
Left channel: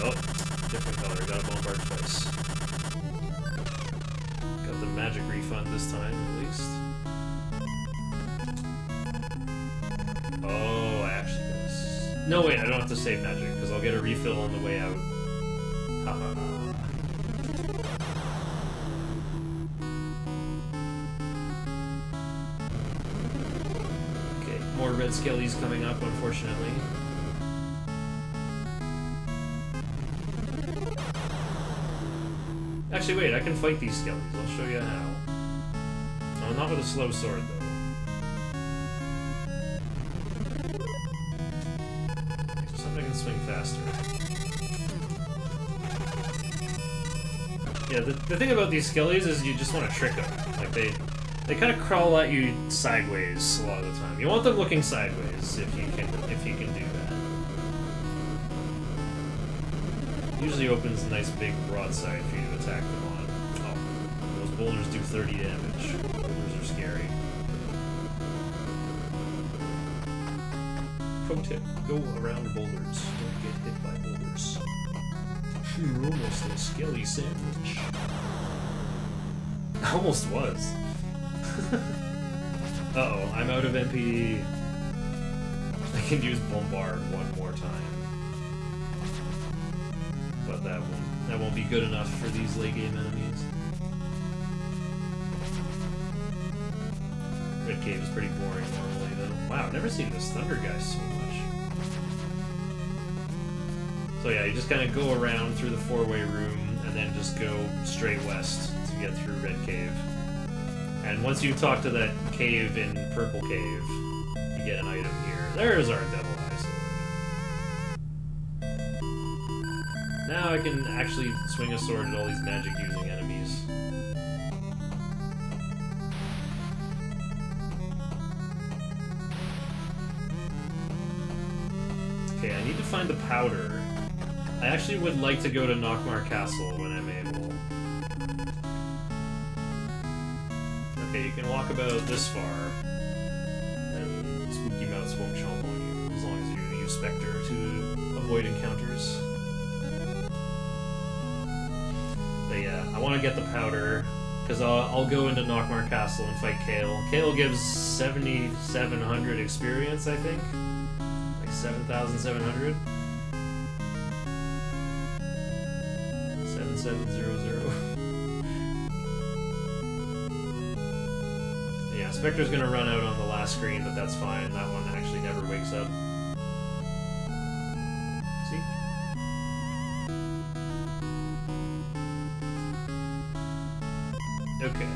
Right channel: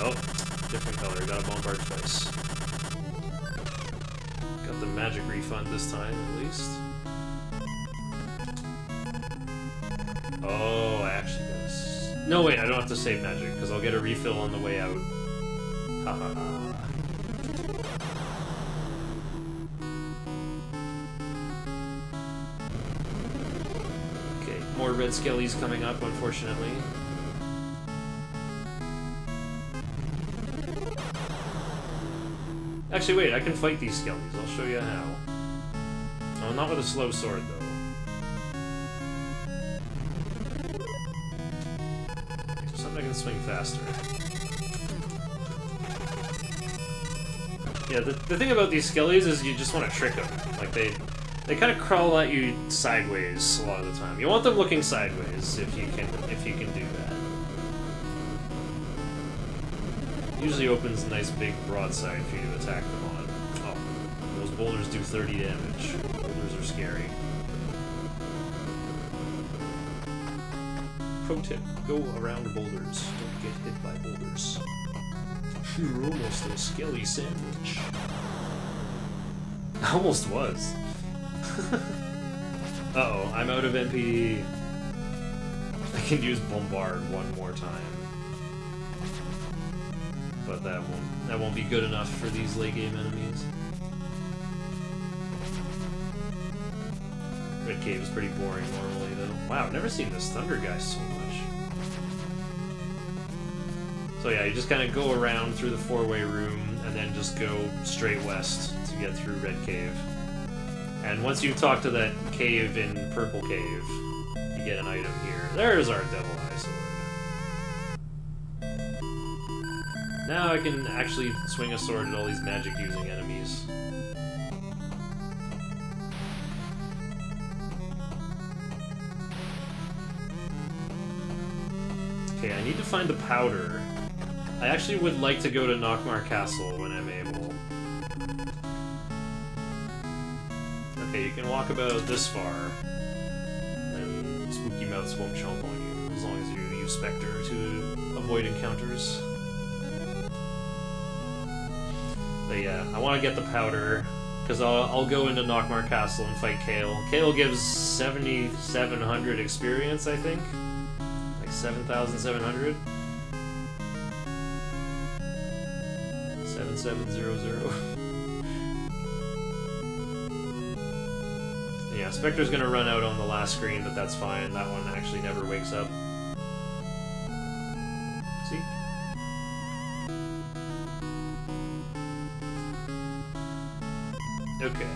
Oh, different color. Gotta bombard twice. Got the magic refund this time, at least. Oh, I actually gotta... No, wait, I don't have to save magic, because I'll get a refill on the way out. Haha. Okay, more red skellies coming up, unfortunately. Actually, wait, I can fight these skellies. I'll show you how. Oh, not with a slow sword, though. I can swing faster. Yeah, the thing about these skellies is you just want to trick them. Like, they kind of crawl at you sideways a lot of the time. You want them looking sideways if you can do that. Usually opens a nice big broadside for you to attack them on. Oh, those boulders do 30 damage. Boulders are scary. Pro tip, go around boulders. Don't get hit by boulders. You're almost a skelly sandwich. Almost was. Uh-oh, I'm out of MP. I can use Bombard one more time. But that won't be good enough for these late game enemies. Red Cave is pretty boring normally, though. Wow, I've never seen this Thunder guy so much. So yeah, you just kind of go around through the four-way room, and then just go straight west to get through Red Cave. And once you talk to that cave in Purple Cave, you get an item here. There's our Devil Eye sword. Now I can actually swing a sword at all these magic-using enemies. Okay, I need to find the powder. I actually would like to go to Nockmar Castle when I'm able. Okay, you can walk about this far, and Spooky Mouths won't chomp on you, as long as you use Spectre to avoid encounters. But yeah, I want to get the powder, because I'll go into Nockmar Castle and fight Kale. Kale gives 7,700 experience, I think? Like 7,700? 7700. Yeah, Spectre's gonna run out on the last screen, but that's fine. That one actually never wakes up. See? Okay.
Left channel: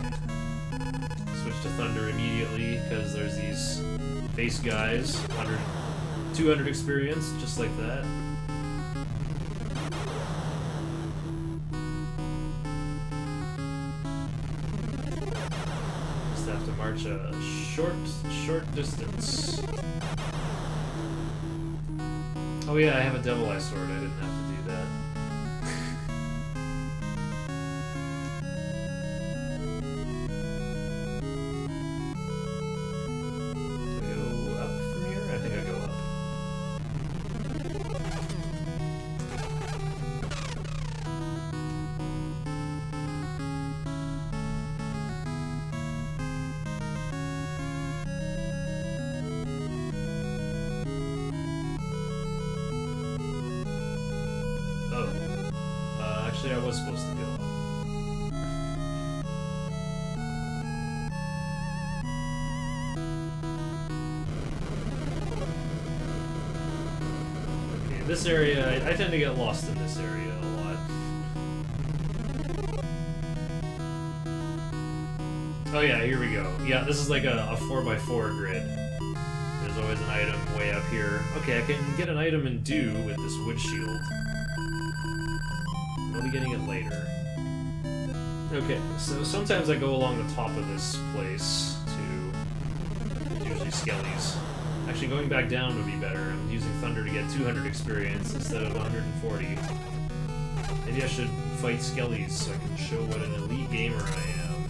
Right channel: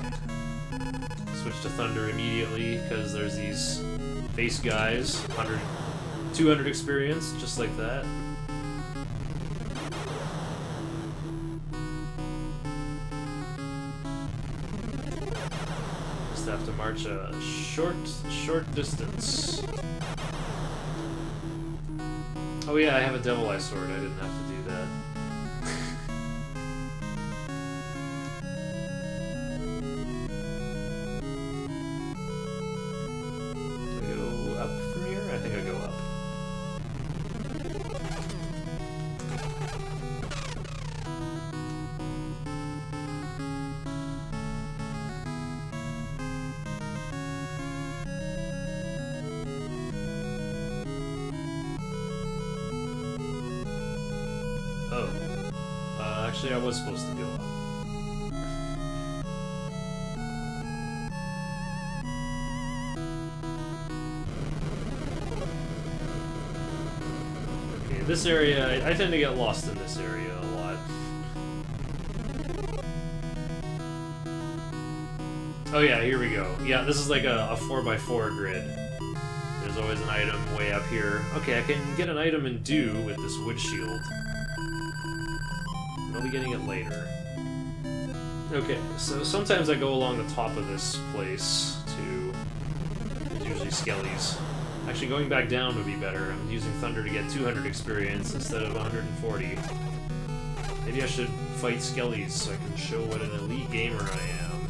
Switch to Thunder immediately, because there's these base guys. 100, 200 experience, just like that. Just have to march a short distance. Oh yeah, I have a Devil Eye Sword. I didn't have to do that. Actually, I was supposed to go up. Okay, this area, I tend to get lost in this area a lot. Oh yeah, here we go. Yeah, this is like a 4x4 grid. There's always an item way up here. Okay, I can get an item in Dew with this wood shield. I'll be getting it later. Okay, so sometimes I go along the top of this place to... It's usually skellies. Actually, going back down would be better. I'm using Thunder to get 200 experience instead of 140. Maybe I should fight skellies so I can show what an elite gamer I am.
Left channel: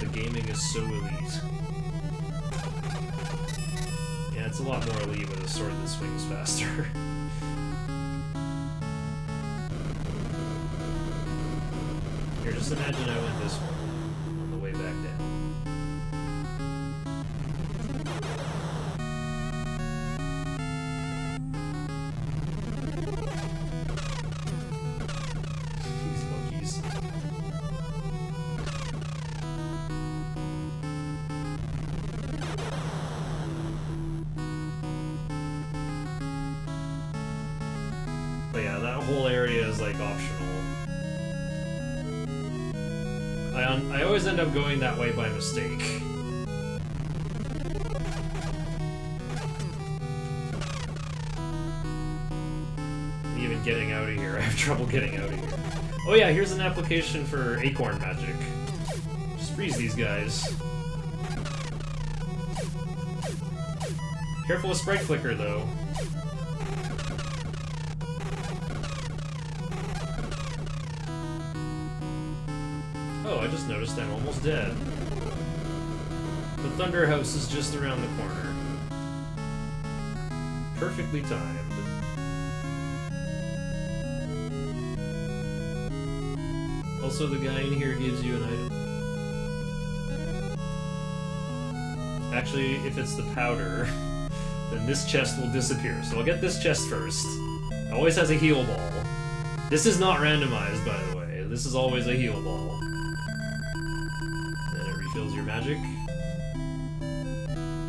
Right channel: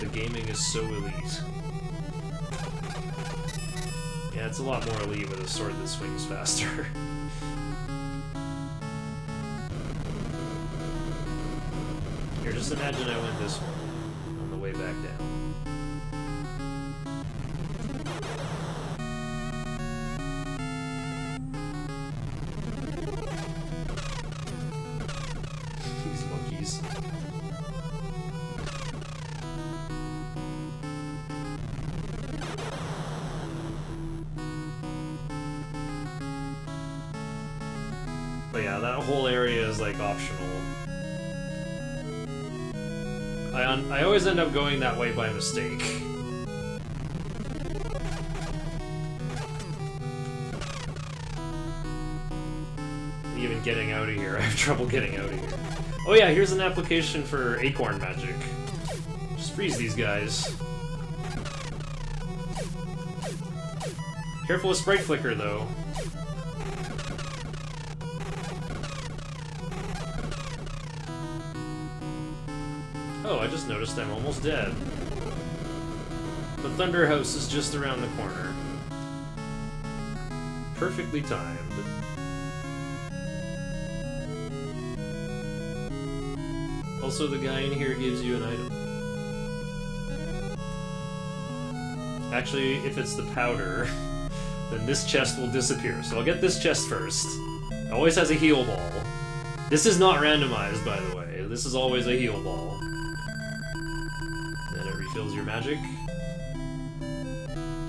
The gaming is so elite. Yeah, it's a lot more elite with a sword that swings faster. Here, just imagine I went this way on the way back down. These monkeys. But yeah, that whole area is like optional. I always end up going that way by mistake. And even getting out of here, I have trouble getting out of here. Oh yeah, here's an application for acorn magic. Just freeze these guys. Careful with sprite flicker though. Oh, I just noticed I'm almost dead. The Thunder House is just around the corner. Perfectly timed. Also, the guy in here gives you an item. Actually, if it's the powder, then this chest will disappear. So I'll get this chest first. It always has a heal ball. This is not randomized, by the way. This is always a heal ball. Refills your magic.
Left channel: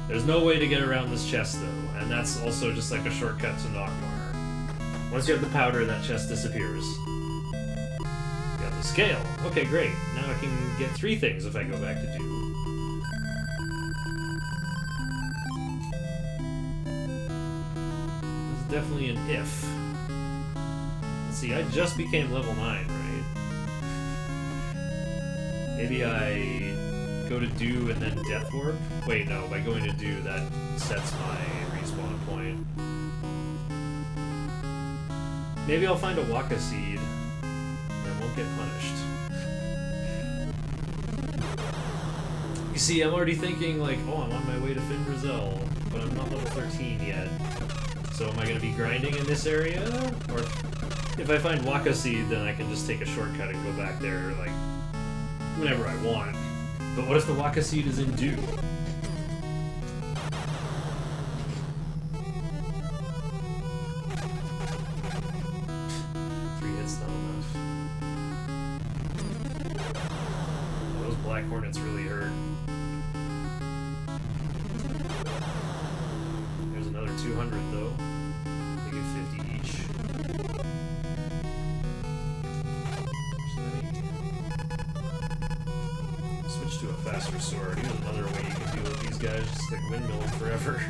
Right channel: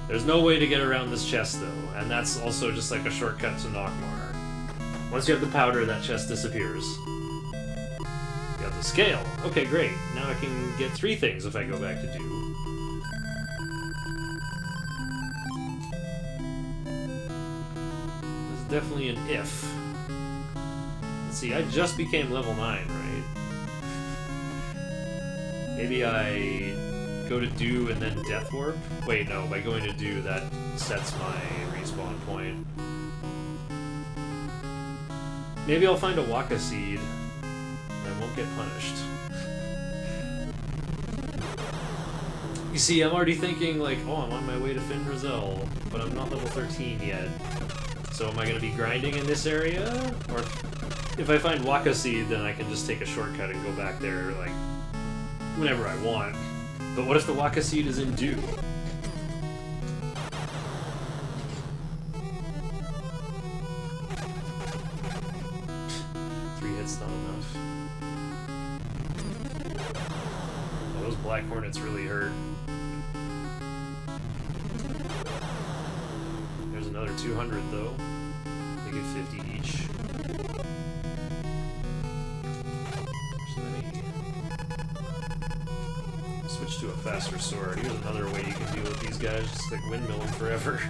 There's no way to get around this chest though, and that's also just like a shortcut to Nockmar. Once you have the powder, that chest disappears. You got the scale. Okay, great. Now I can get 3 things if I go back to Dew. This is definitely an if. Let's see, I just became level 9, right? Maybe I go to Dew and then Death Warp? Wait, no, by going to Dew, that sets my respawn point. Maybe I'll find a Waka Seed and won't get punished. You see, I'm already thinking like, oh, I'm on my way to Findrazel, but I'm not level 13 yet. So am I going to be grinding in this area? Or if I find Waka Seed, then I can just take a shortcut and go back there, like, whenever I want. But what if the Waka Seed is in Dew? 3 hits not enough. Oh, those Black Hornets really hurt. There's another 200 though. They get 50 each. Switch to a faster sword. Here's another way you can deal with these guys, just like windmilling forever.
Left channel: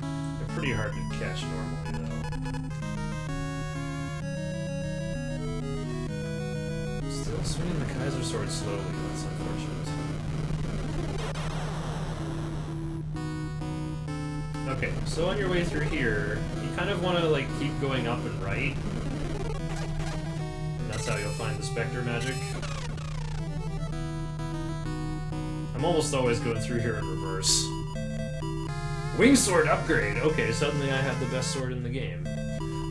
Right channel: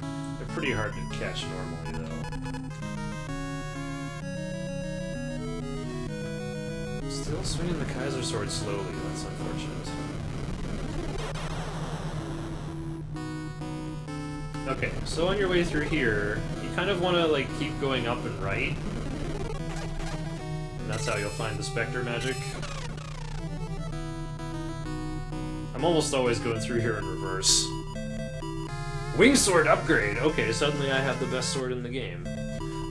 They're pretty hard to catch normally though. Still swinging the Kaiser sword slowly, that's unfortunate. Okay, so on your way through here, you kind of want to like keep going up and right. That's how you'll find the Spectre magic. I'm almost always going through here in reverse. Wing sword upgrade! Okay, suddenly I have the best sword in the game.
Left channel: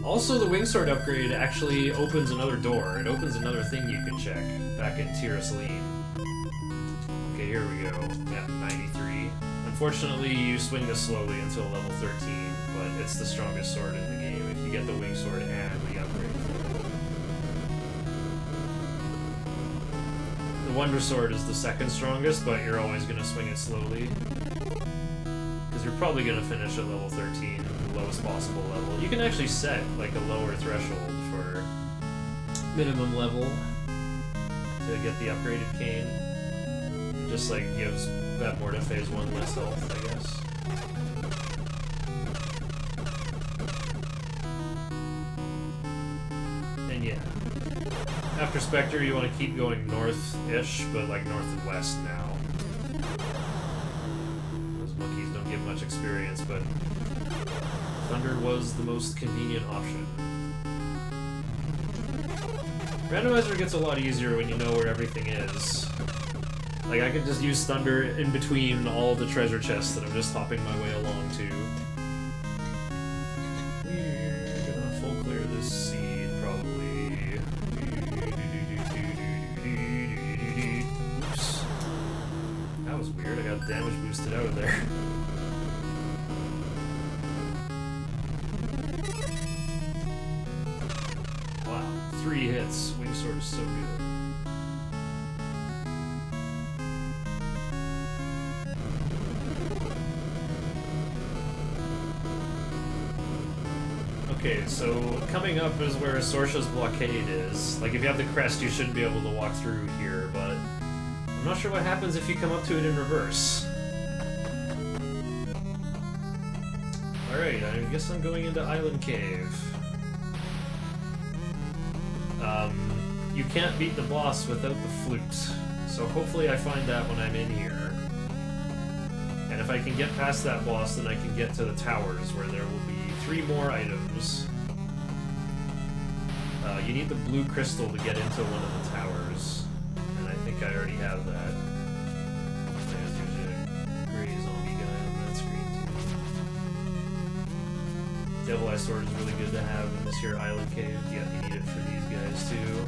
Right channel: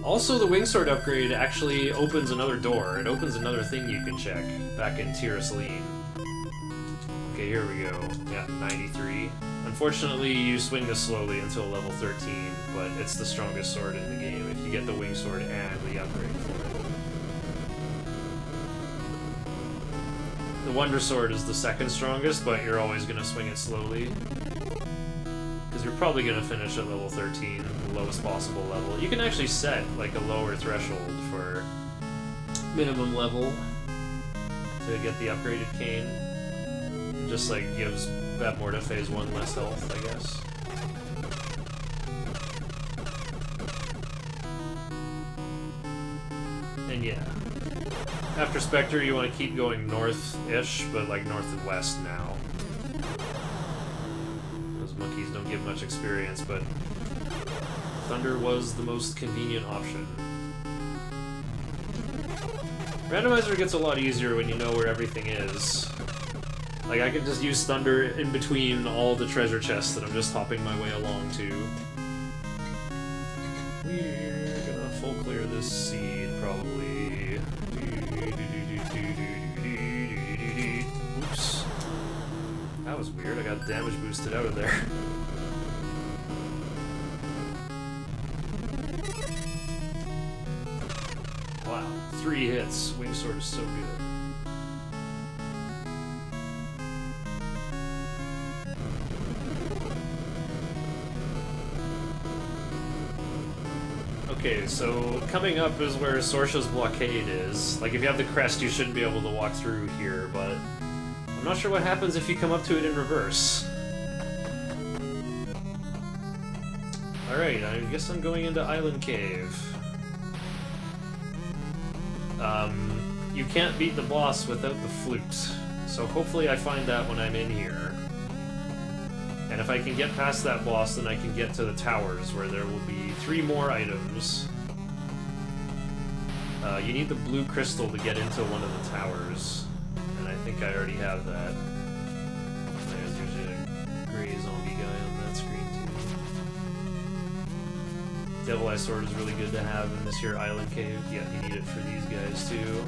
Also, the wing sword upgrade actually opens another door. It opens another thing you can check back in Tir Asleen. Okay, here we go. Yeah, 93. Unfortunately, you swing this slowly until level 13, but it's the strongest sword in the game if you get the wing sword and the upgrade for it. The Wonder Sword is the second strongest, but you're always going to swing it slowly. Because you're probably going to finish at level 13, the lowest possible level. You can actually set like a lower threshold for minimum level to get the upgraded cane. It just like gives Batmorta phase 1 less health, I guess. And yeah. After Spectre, you want to keep going north-ish, but like north and west now. Those monkeys don't give much experience, but Thunder was the most convenient option. Randomizer gets a lot easier when you know where everything is. Like, I can just use Thunder in between all the treasure chests that I'm just hopping my way along to. We're gonna full clear this seed, probably. Oops. That was weird, I got damage boosted out of there. Wow, 3 hits. Wing sword is so good. Okay, so coming up is where Sorsha's blockade is. Like, if you have the crest, you shouldn't be able to walk through here, but I'm not sure what happens if you come up to it in reverse. Alright, I guess I'm going into Island Cave. You can't beat the boss without the flute, so hopefully I find that when I'm in here. And if I can get past that boss, then I can get to the towers, where there will be 3 more items. You need the blue crystal to get into one of the towers, and I think I already have that. There's usually a gray zombie guy on that screen too. Devil Eye Sword is really good to have in this here island cave. Yeah, you need it for these guys too.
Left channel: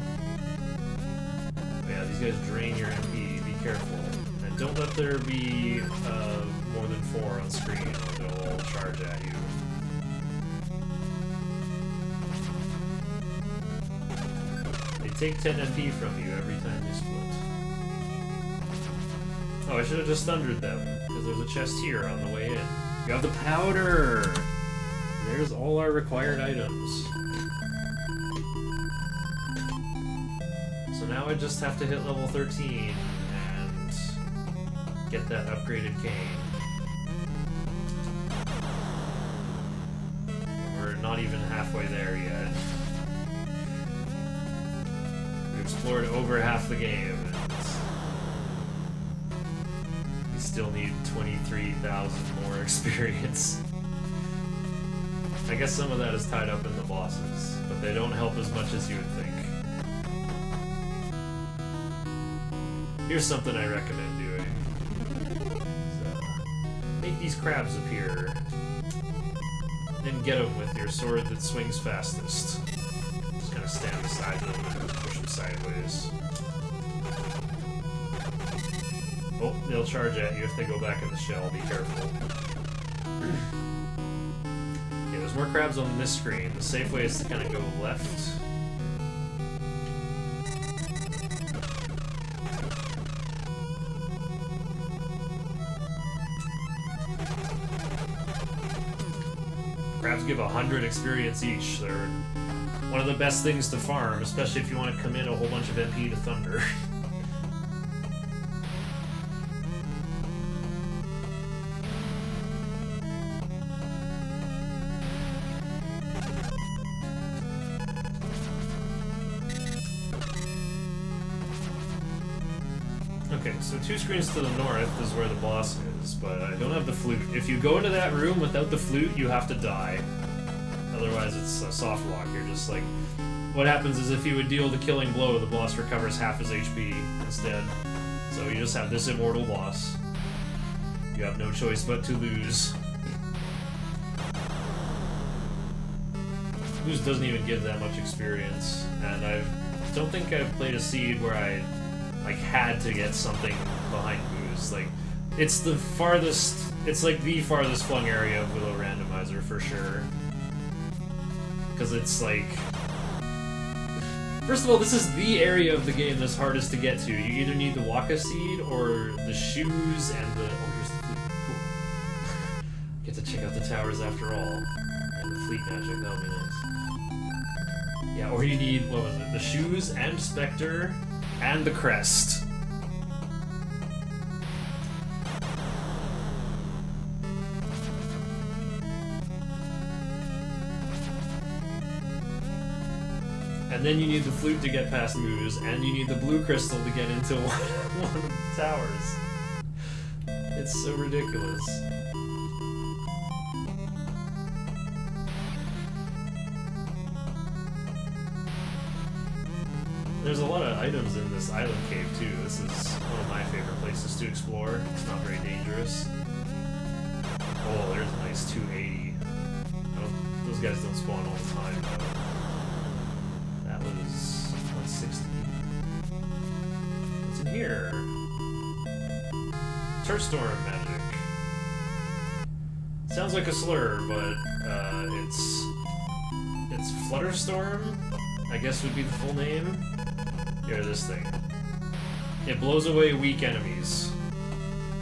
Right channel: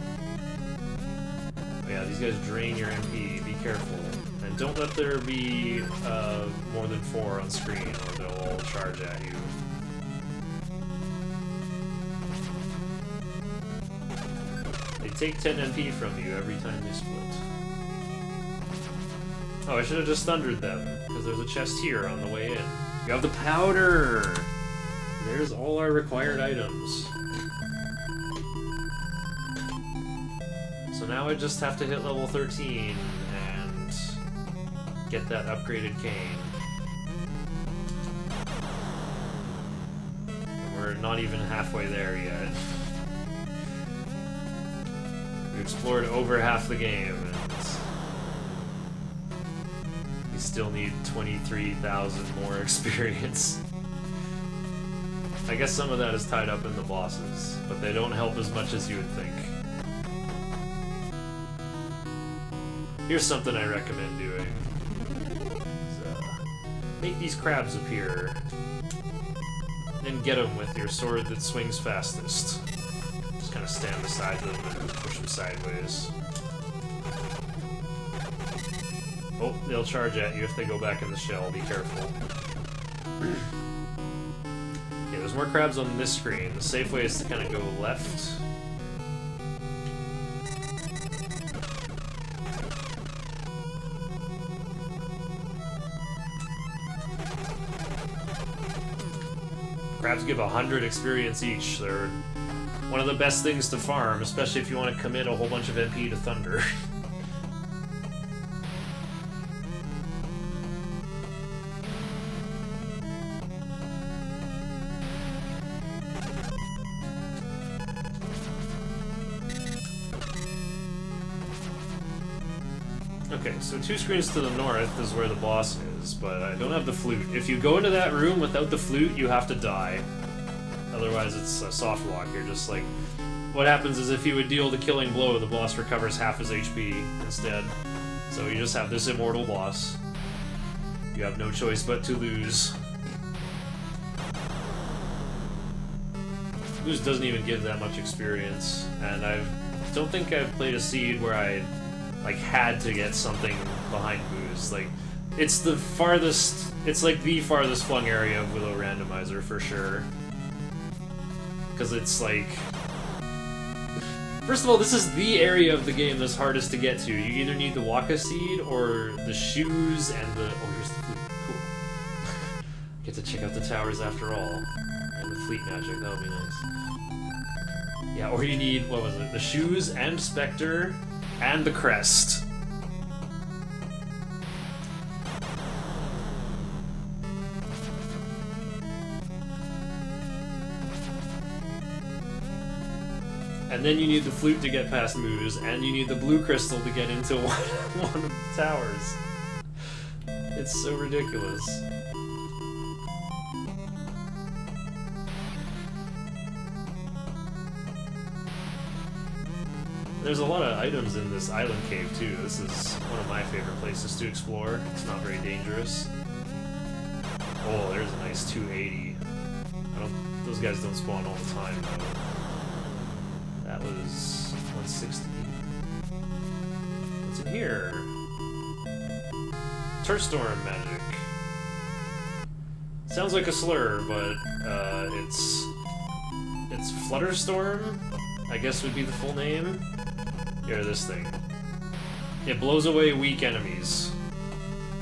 But yeah, these guys drain your MP, be careful. And don't let there be more than 4 on screen, or they'll all charge at you. They take 10 MP from you every time they split. Oh, I should have just thundered them, because there's a chest here on the way in. You have the powder! There's all our required items. So now I just have to hit level 13 and get that upgraded cane. We're not even halfway there yet. We explored over half the game, and we still need 23,000 more experience. I guess some of that is tied up in the bosses, but they don't help as much as you would think. Here's something I recommend doing. Make these crabs appear. and get him with your sword that swings fastest. Just kind of stand beside them and push them sideways. Oh, they'll charge at you if they go back in the shell. Be careful. Okay, there's more crabs on this screen. The safe way is to kind of go left. Crabs give 100 experience each. They're one of the best things to farm, especially if you want to commit a whole bunch of MP to Thunder. Okay, so 2 screens to the north is where the boss is, but I don't have the flute. If you go into that room without the flute, you have to die. Otherwise, it's a soft lock. You're just like... What happens is if you would deal the killing blow, the boss recovers half his HP instead. So you just have this immortal boss. You have no choice but to lose. Lose doesn't even give that much experience, and I don't think I've played a seed where I had to get something behind Booze. Like, it's the farthest, it's like the farthest flung area of Willow randomizer for sure. Because it's like, first of all, this is the area of the game that's hardest to get to. You either need the Waka seed or the shoes and the, oh, here's the flute, cool. Get to check out the towers after all. And the fleet magic, that would be nice. Yeah, or you need, what was it, the shoes and Spectre and the crest. And then you need the flute to get past Moose, and you need the blue crystal to get into one of the towers. It's so ridiculous. There's a lot of items in this island cave too. This is one of my favorite places to explore. It's not very dangerous. Oh, there's a nice 280. Those guys don't spawn all the time though. That was 160. What's in here? Turfstorm magic. Sounds like a slur, but it's Flutterstorm, I guess would be the full name. Here, this thing. It blows away weak enemies.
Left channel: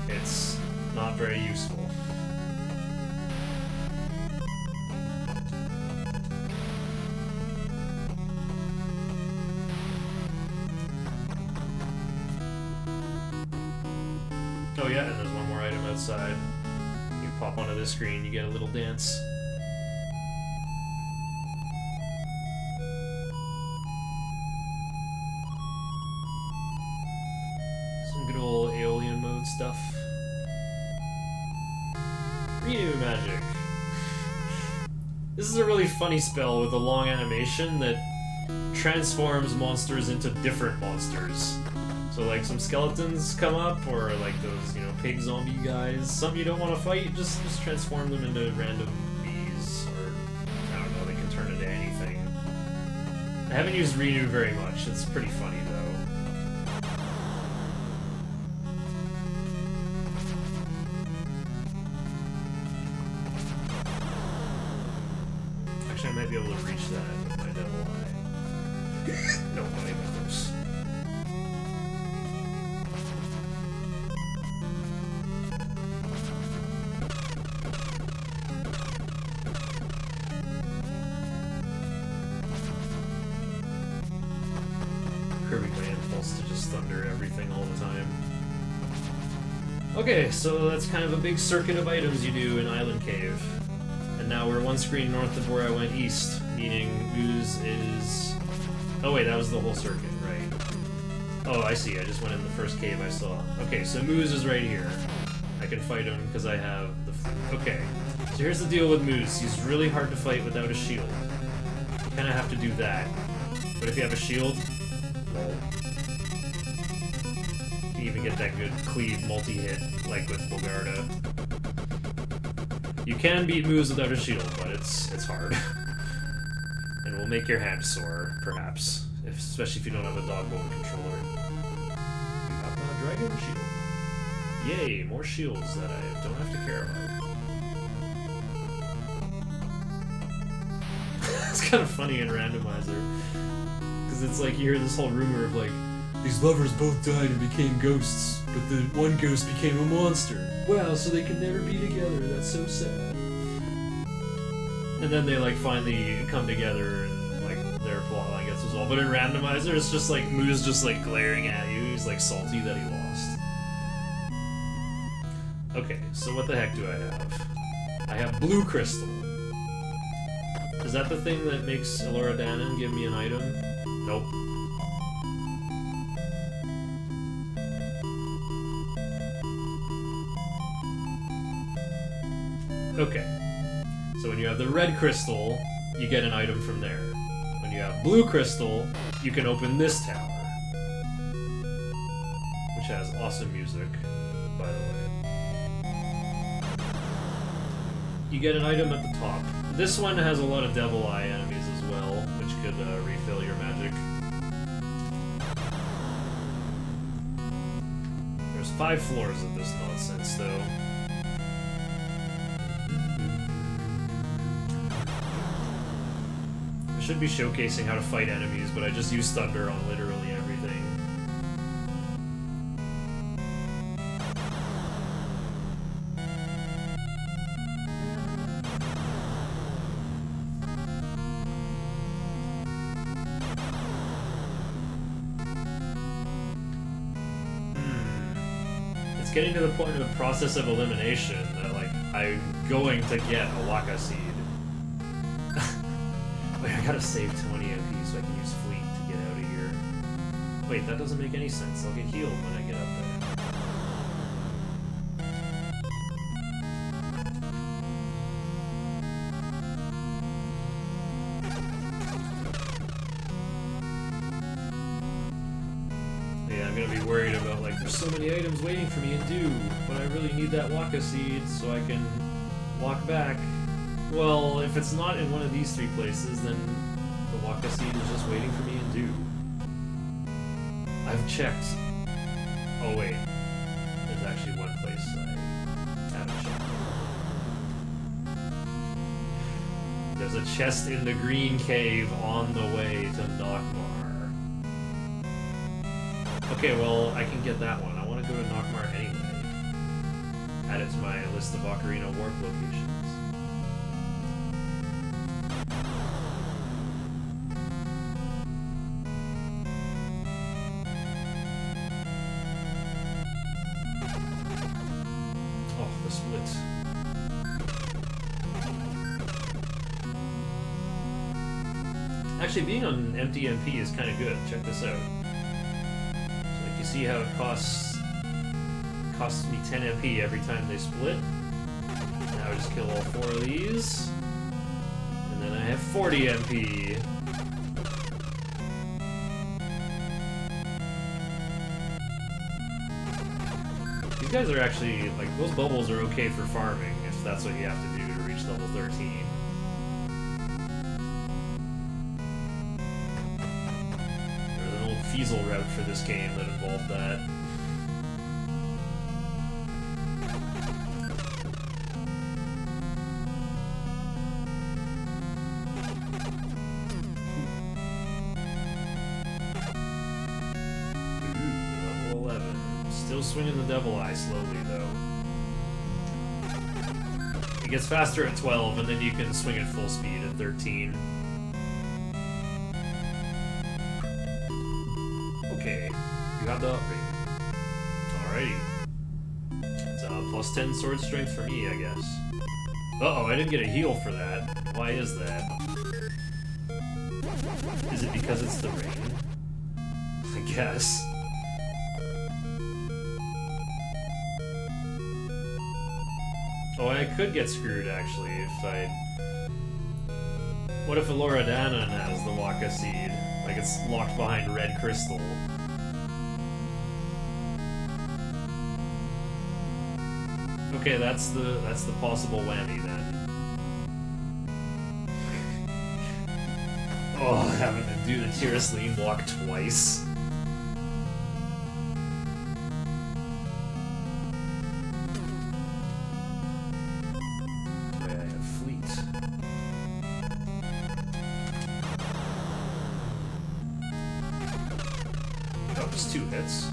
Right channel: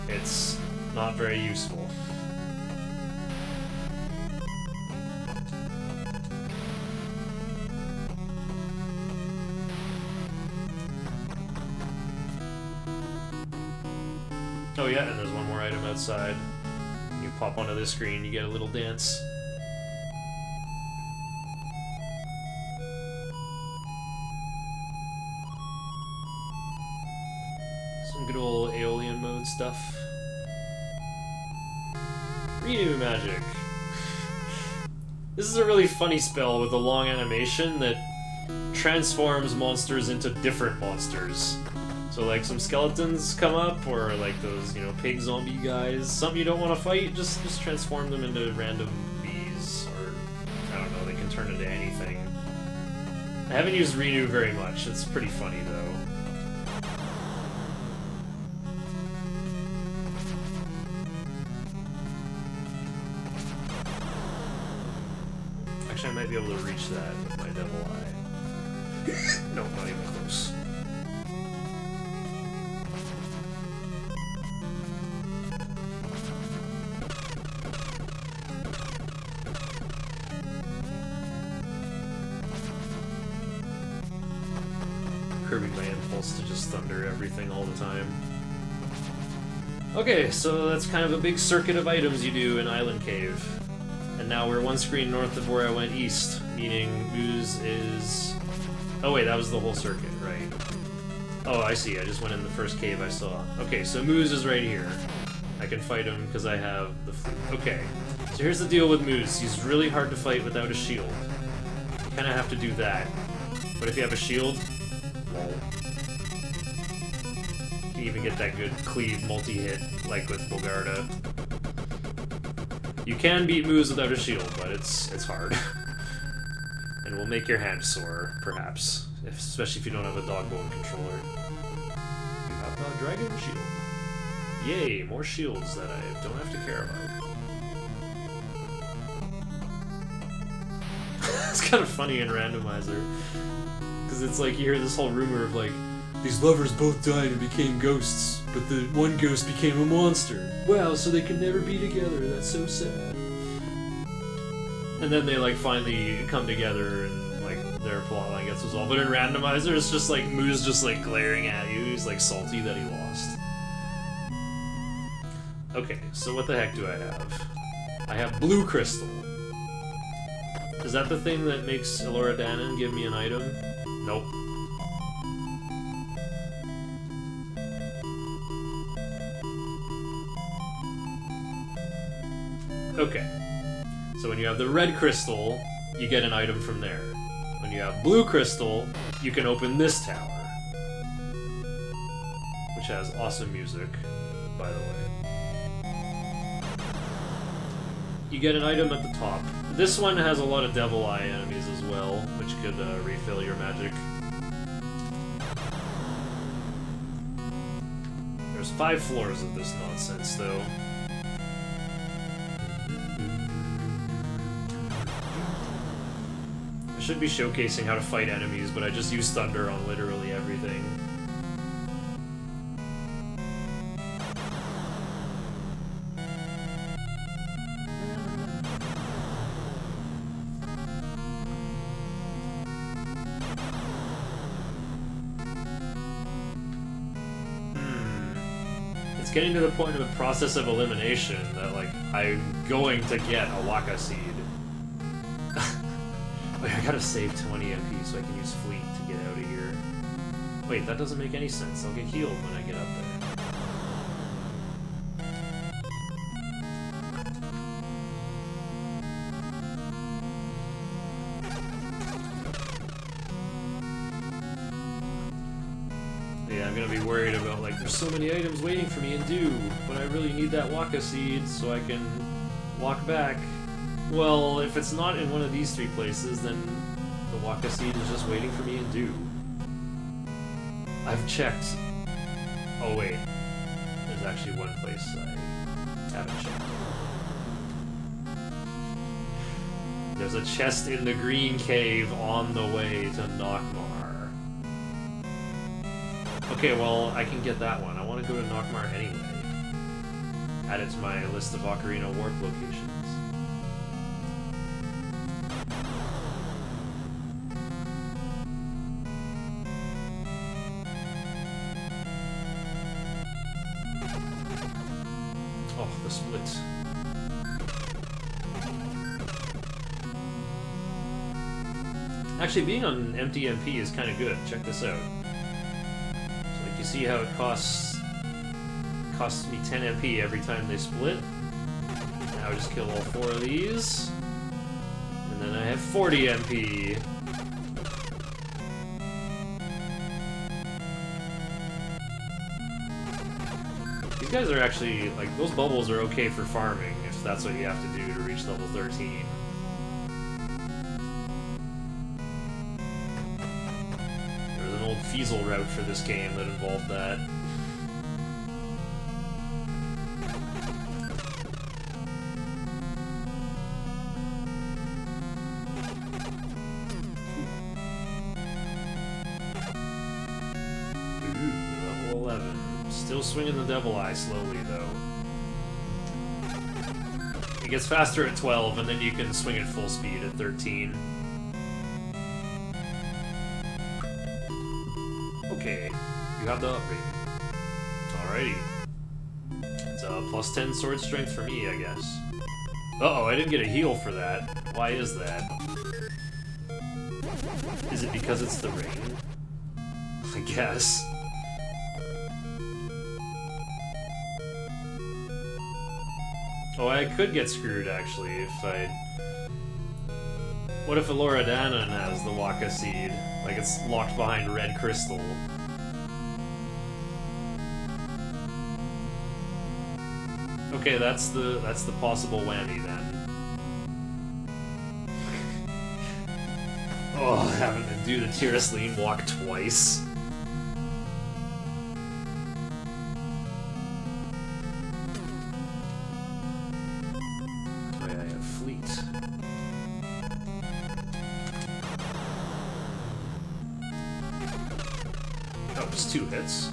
It's not very useful. Oh yeah, and there's one more item outside. You pop onto this screen, you get a little dance. Some good old Aeolian mode stuff. Renew magic. This is a really funny spell with a long animation that transforms monsters into different monsters. So like some skeletons come up, or like those, you know, pig zombie guys. Something you don't want to fight, just transform them into random bees, or I don't know, they can turn into anything. I haven't used Renew very much, it's pretty funny though. Actually, I might be able to reach that with my devil eye. No, not even close. Curbing my impulse to just thunder everything all the time. Okay, so that's kind of a big circuit of items you do in Island Cave. And now we're one screen north of where I went east, meaning Ooze is... Oh wait, that was the whole circuit, right? Oh, I see, I just went in the first cave I saw. Okay, so Moose is right here. I can fight him because I have the flute. Okay, so here's the deal with Moose. He's really hard to fight without a shield. You kind of have to do that. But if you have a shield... You can even get that good cleave multi-hit, like with Bogarda. You can beat moves without a shield, but it's hard. And will make your hand sore, perhaps. Especially if you don't have a dog bone controller. We got the dragon shield. Yay, more shields that I don't have to care about. It's kind of funny in randomizer. Because it's like you hear this whole rumor of like, these lovers both died and became ghosts, but the one ghost became a monster. Wow, so they can never be together. That's so sad. And then they like finally come together and like their plotline gets resolved. But in randomizer, it's just like Moo's just like glaring at you. He's like salty that he lost. Okay, so what the heck do I have? I have blue crystal. Is that the thing that makes Elora Danon give me an item? Nope. Okay. So when you have the red crystal, you get an item from there. When you have blue crystal, you can open this tower. Which has awesome music, by the way. You get an item at the top. This one has a lot of Devil Eye enemies as well, which could refill your magic. There's 5 floors of this nonsense, though. I should be showcasing how to fight enemies, but I just use Thunder on literally everything. It's getting to the point of the process of elimination that, like, I'm going to get a Waka Seed. Wait, I gotta save 20 MP so I can use Fleet to get out of here. Wait, that doesn't make any sense. I'll get healed when I get up there. Yeah, I'm gonna be worried about, like, there's so many items waiting for me in Dew, but I really need that Waka Seed so I can walk back. Well, if it's not in one of these 3 places, then the Waka Seed is just waiting for me in Dew. I've checked. Oh wait, there's actually one place I haven't checked. There's a chest in the green cave on the way to Nockmar. Okay, well, I can get that one. I want to go to Nockmar anyway. Add it to my list of Ocarina warp locations. Oh, the split. Actually, being on empty MP is kind of good. Check this out. So, like, you see how it costs me 10 MP every time they split. Now I just kill all 4 of these, and then I have 40 MP. These guys are actually, like, those bubbles are okay for farming, if that's what you have to do to reach level 13. There's an old Feasel route for this game that involved that. Level 11. Still swinging the Devil Eye slowly, though. It gets faster at 12, and then you can swing at full speed at 13. Okay, you have the upgrade. Alrighty. It's a plus 10 sword strength for me, I guess. Uh-oh, I didn't get a heal for that. Why is that? Is it because it's the rain? I guess. Oh, I could get screwed, actually, if I... What if Elora Danon has the Waka Seed? Like, it's locked behind red crystal. Okay, that's the possible whammy, then. Oh, having to do the Tirasleen walk twice. Oh yeah, I have Fleet. Oh, just 2 hits.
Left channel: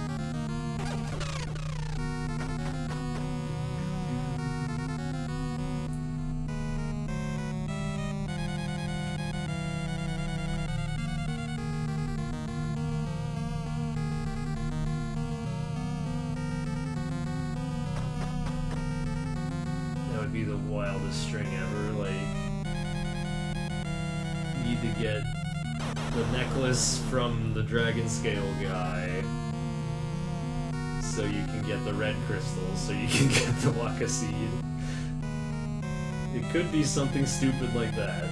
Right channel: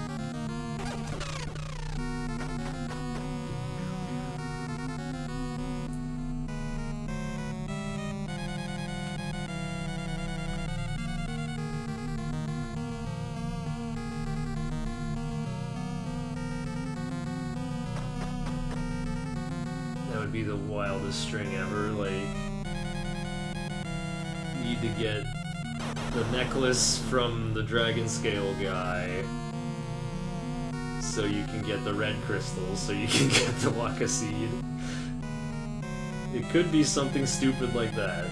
Be the wildest string ever. Like, need to get the necklace from the dragon scale guy so you can get the red crystals, so you can get the Waka seed. It could be something stupid like that.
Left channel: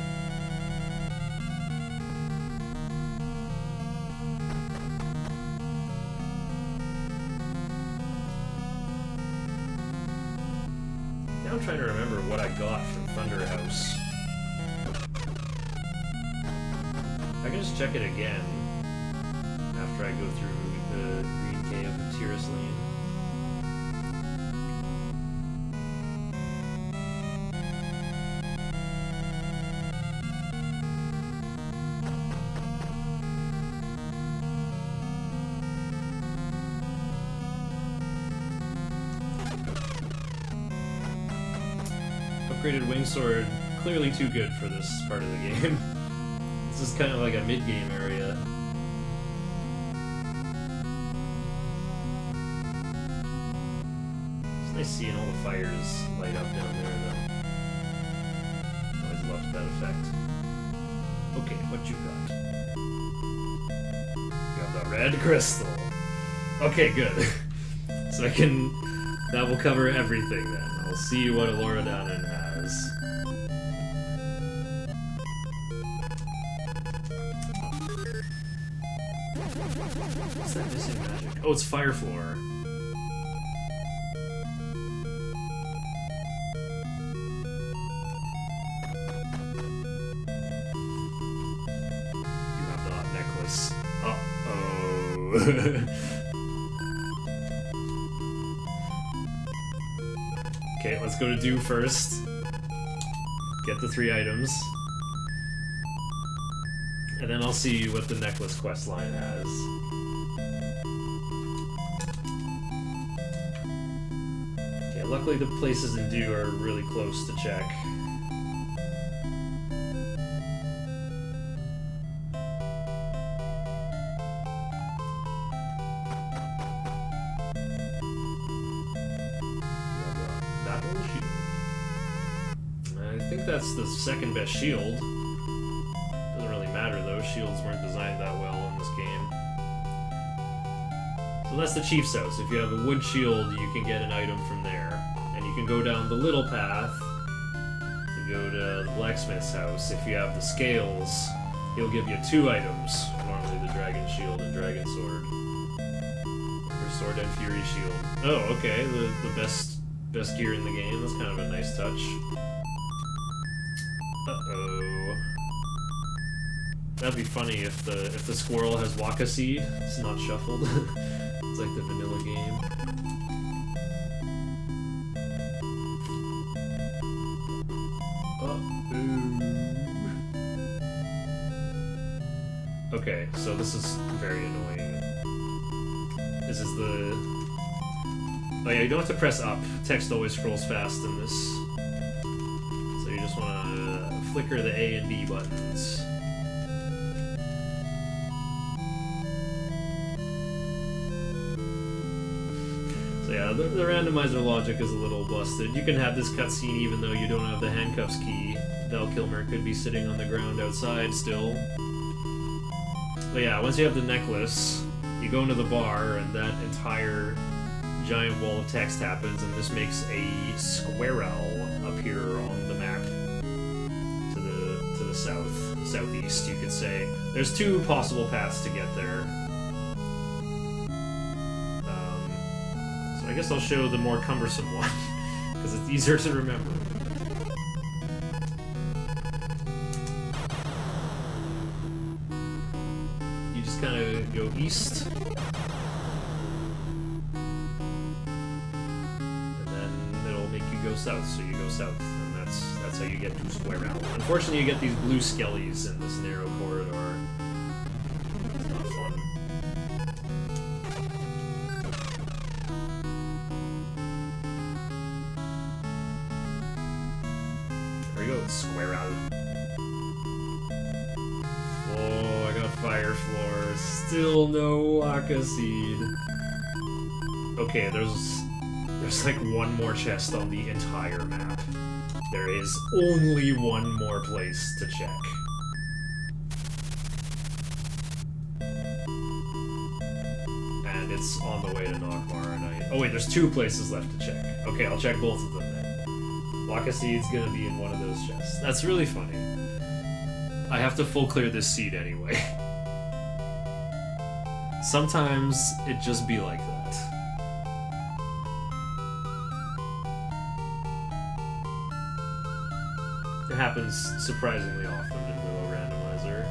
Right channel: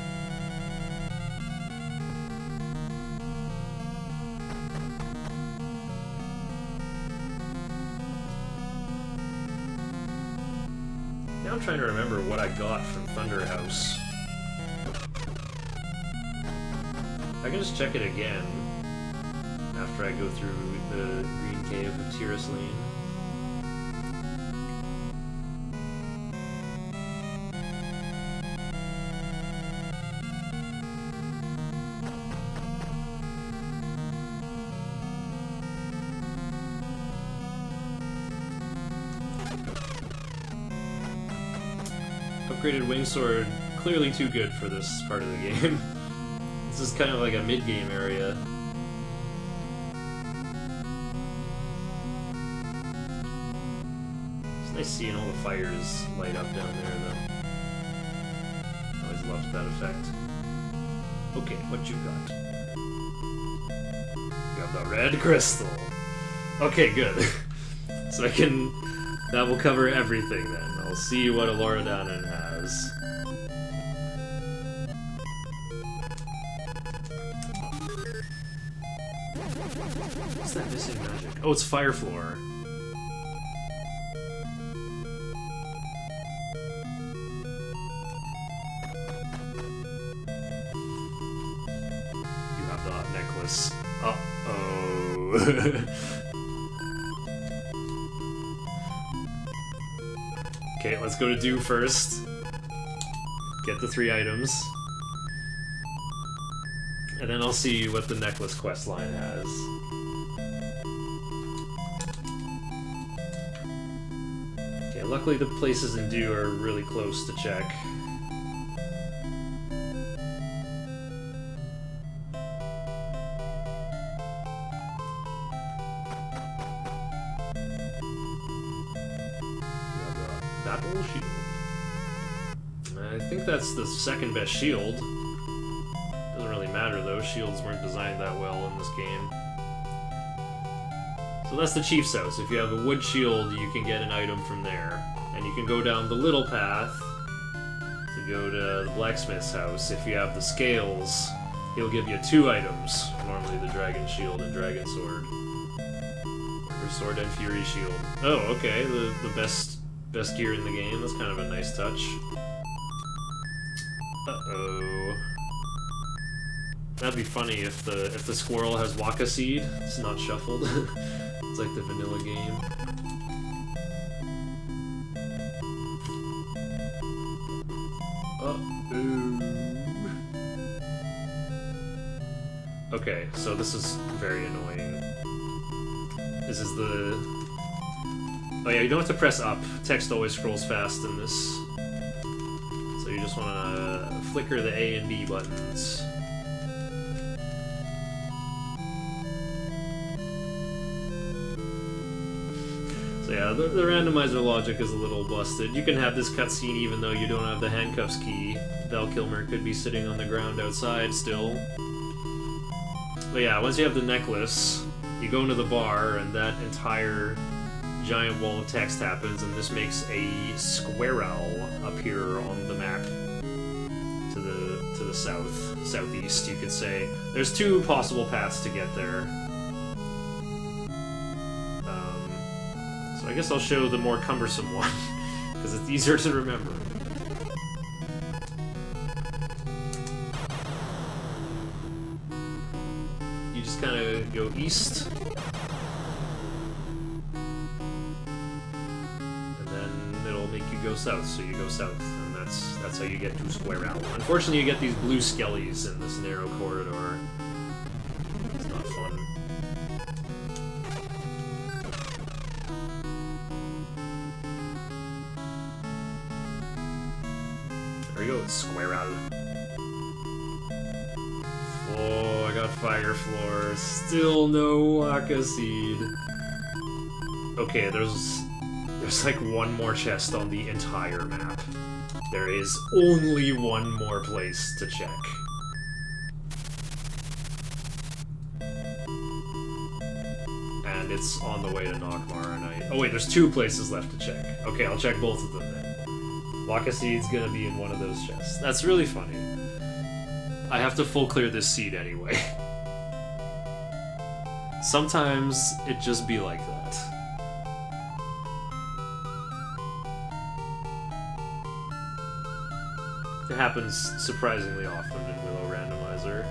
I'm trying to remember what I got from Thunder House. I can just check it again after I go through the Green Cave of Tirasleen. Upgraded Wingsword, clearly too good for this part of the game. This is kind of like a mid-game area. It's nice seeing all the fires light up down there, though. Always loved that effect. Okay, what you got? You got the red crystal. Okay, good. So I can... That will cover everything then. I'll see what a Loredanen has. What's that missing magic? Oh, it's Fire Floor. You have the necklace. Uh-oh. Okay, let's go to Do first. Get the 3 items. And then I'll see what the necklace quest line has. Okay, luckily the places in Do are really close to check. I think that's the second best shield. Doesn't really matter though, shields weren't designed that well in this game. So that's the Chief's house. If you have a wood shield, you can get an item from there. And you can go down the little path to go to the blacksmith's house. If you have the scales, he'll give you 2 items. Normally the dragon shield and dragon sword. Or sword and fury shield. Oh, okay, the best gear in the game. That's kind of a nice touch. Uh-oh. That'd be funny if the squirrel has Waka seed. It's not shuffled. It's like the vanilla game. Uh-oh. Okay, so this is very annoying. This is the... Oh yeah, you don't have to press up. Text always scrolls fast in this. So you just want to flicker the A and B buttons. So yeah, the randomizer logic is a little busted. You can have this cutscene even though you don't have the handcuffs key. Valkilmer could be sitting on the ground outside still. But yeah, once you have the necklace, you go into the bar and that entire giant wall of text happens, and this makes a squirrel appear on the map to the southeast, you could say. There's 2 possible paths to get there. So I guess I'll show the more cumbersome one, because it's easier to remember. you just kind of go east. And then it'll make you go south, so you go south, and that's how you get to Square Out. Unfortunately, you get these blue skellies in this narrow corridor. It's not fun. There we go, Square Out. Oh, I got fire floor. Still no Waka Seed. Okay, there's like one more chest on the entire map. There is only one more place to check. And it's on the way to Nockmar, and oh wait, there's 2 places left to check. Okay, I'll check both of them then. Waka Seed's gonna be in one of those chests. That's really funny. I have to full clear this seed anyway. Sometimes it just be like that. It happens surprisingly often in Willow Randomizer.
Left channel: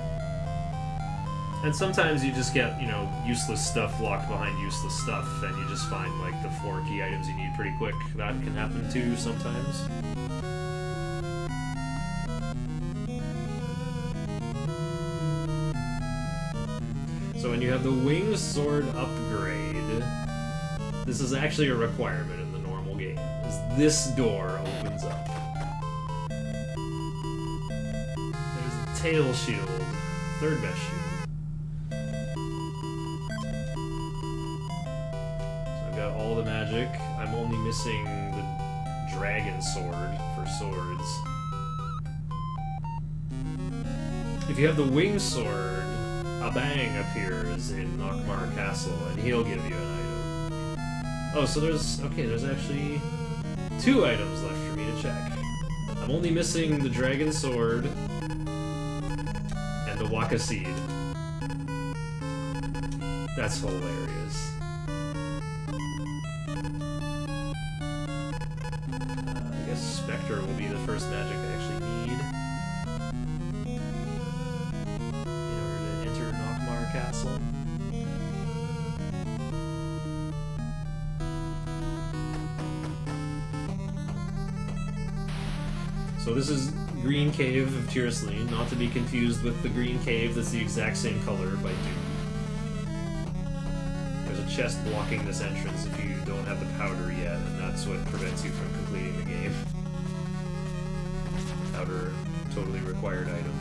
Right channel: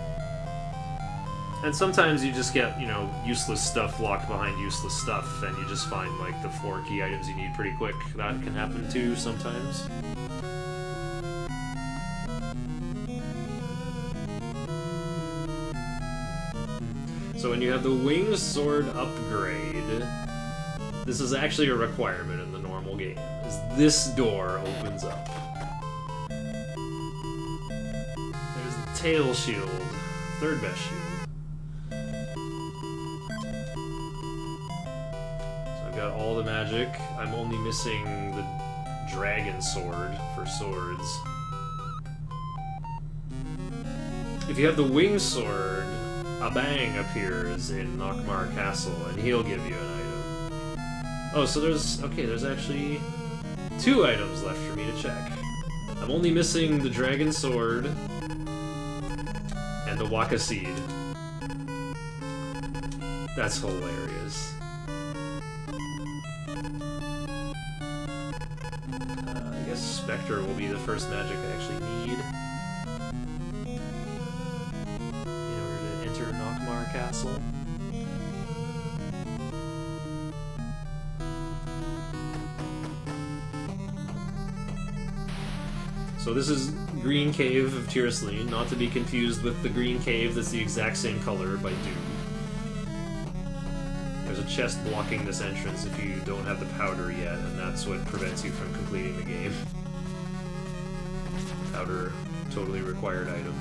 And sometimes you just get, you know, useless stuff locked behind useless stuff, and you just find, like, the 4 key items you need pretty quick. That can happen too sometimes. So when you have the Winged Sword upgrade, this is actually a requirement in the normal game, is this door opens up. There's the Tail Shield, 3rd best shield. So I've got all the magic. I'm only missing the Dragon Sword for swords. If you have the Winged Sword, a bang appears in Nockmar Castle, and he'll give you an item. Oh, so there's actually 2 items left for me to check. I'm only missing the Dragon Sword and the Waka Seed. That's hilarious. I guess Spectre will be the first magic I actually need. Castle. So this is Green Cave of Tyrosline, not to be confused with the Green Cave that's the exact same color by Doom. There's a chest blocking this entrance if you don't have the powder yet, and that's what prevents you from completing the game. Powder, totally required item.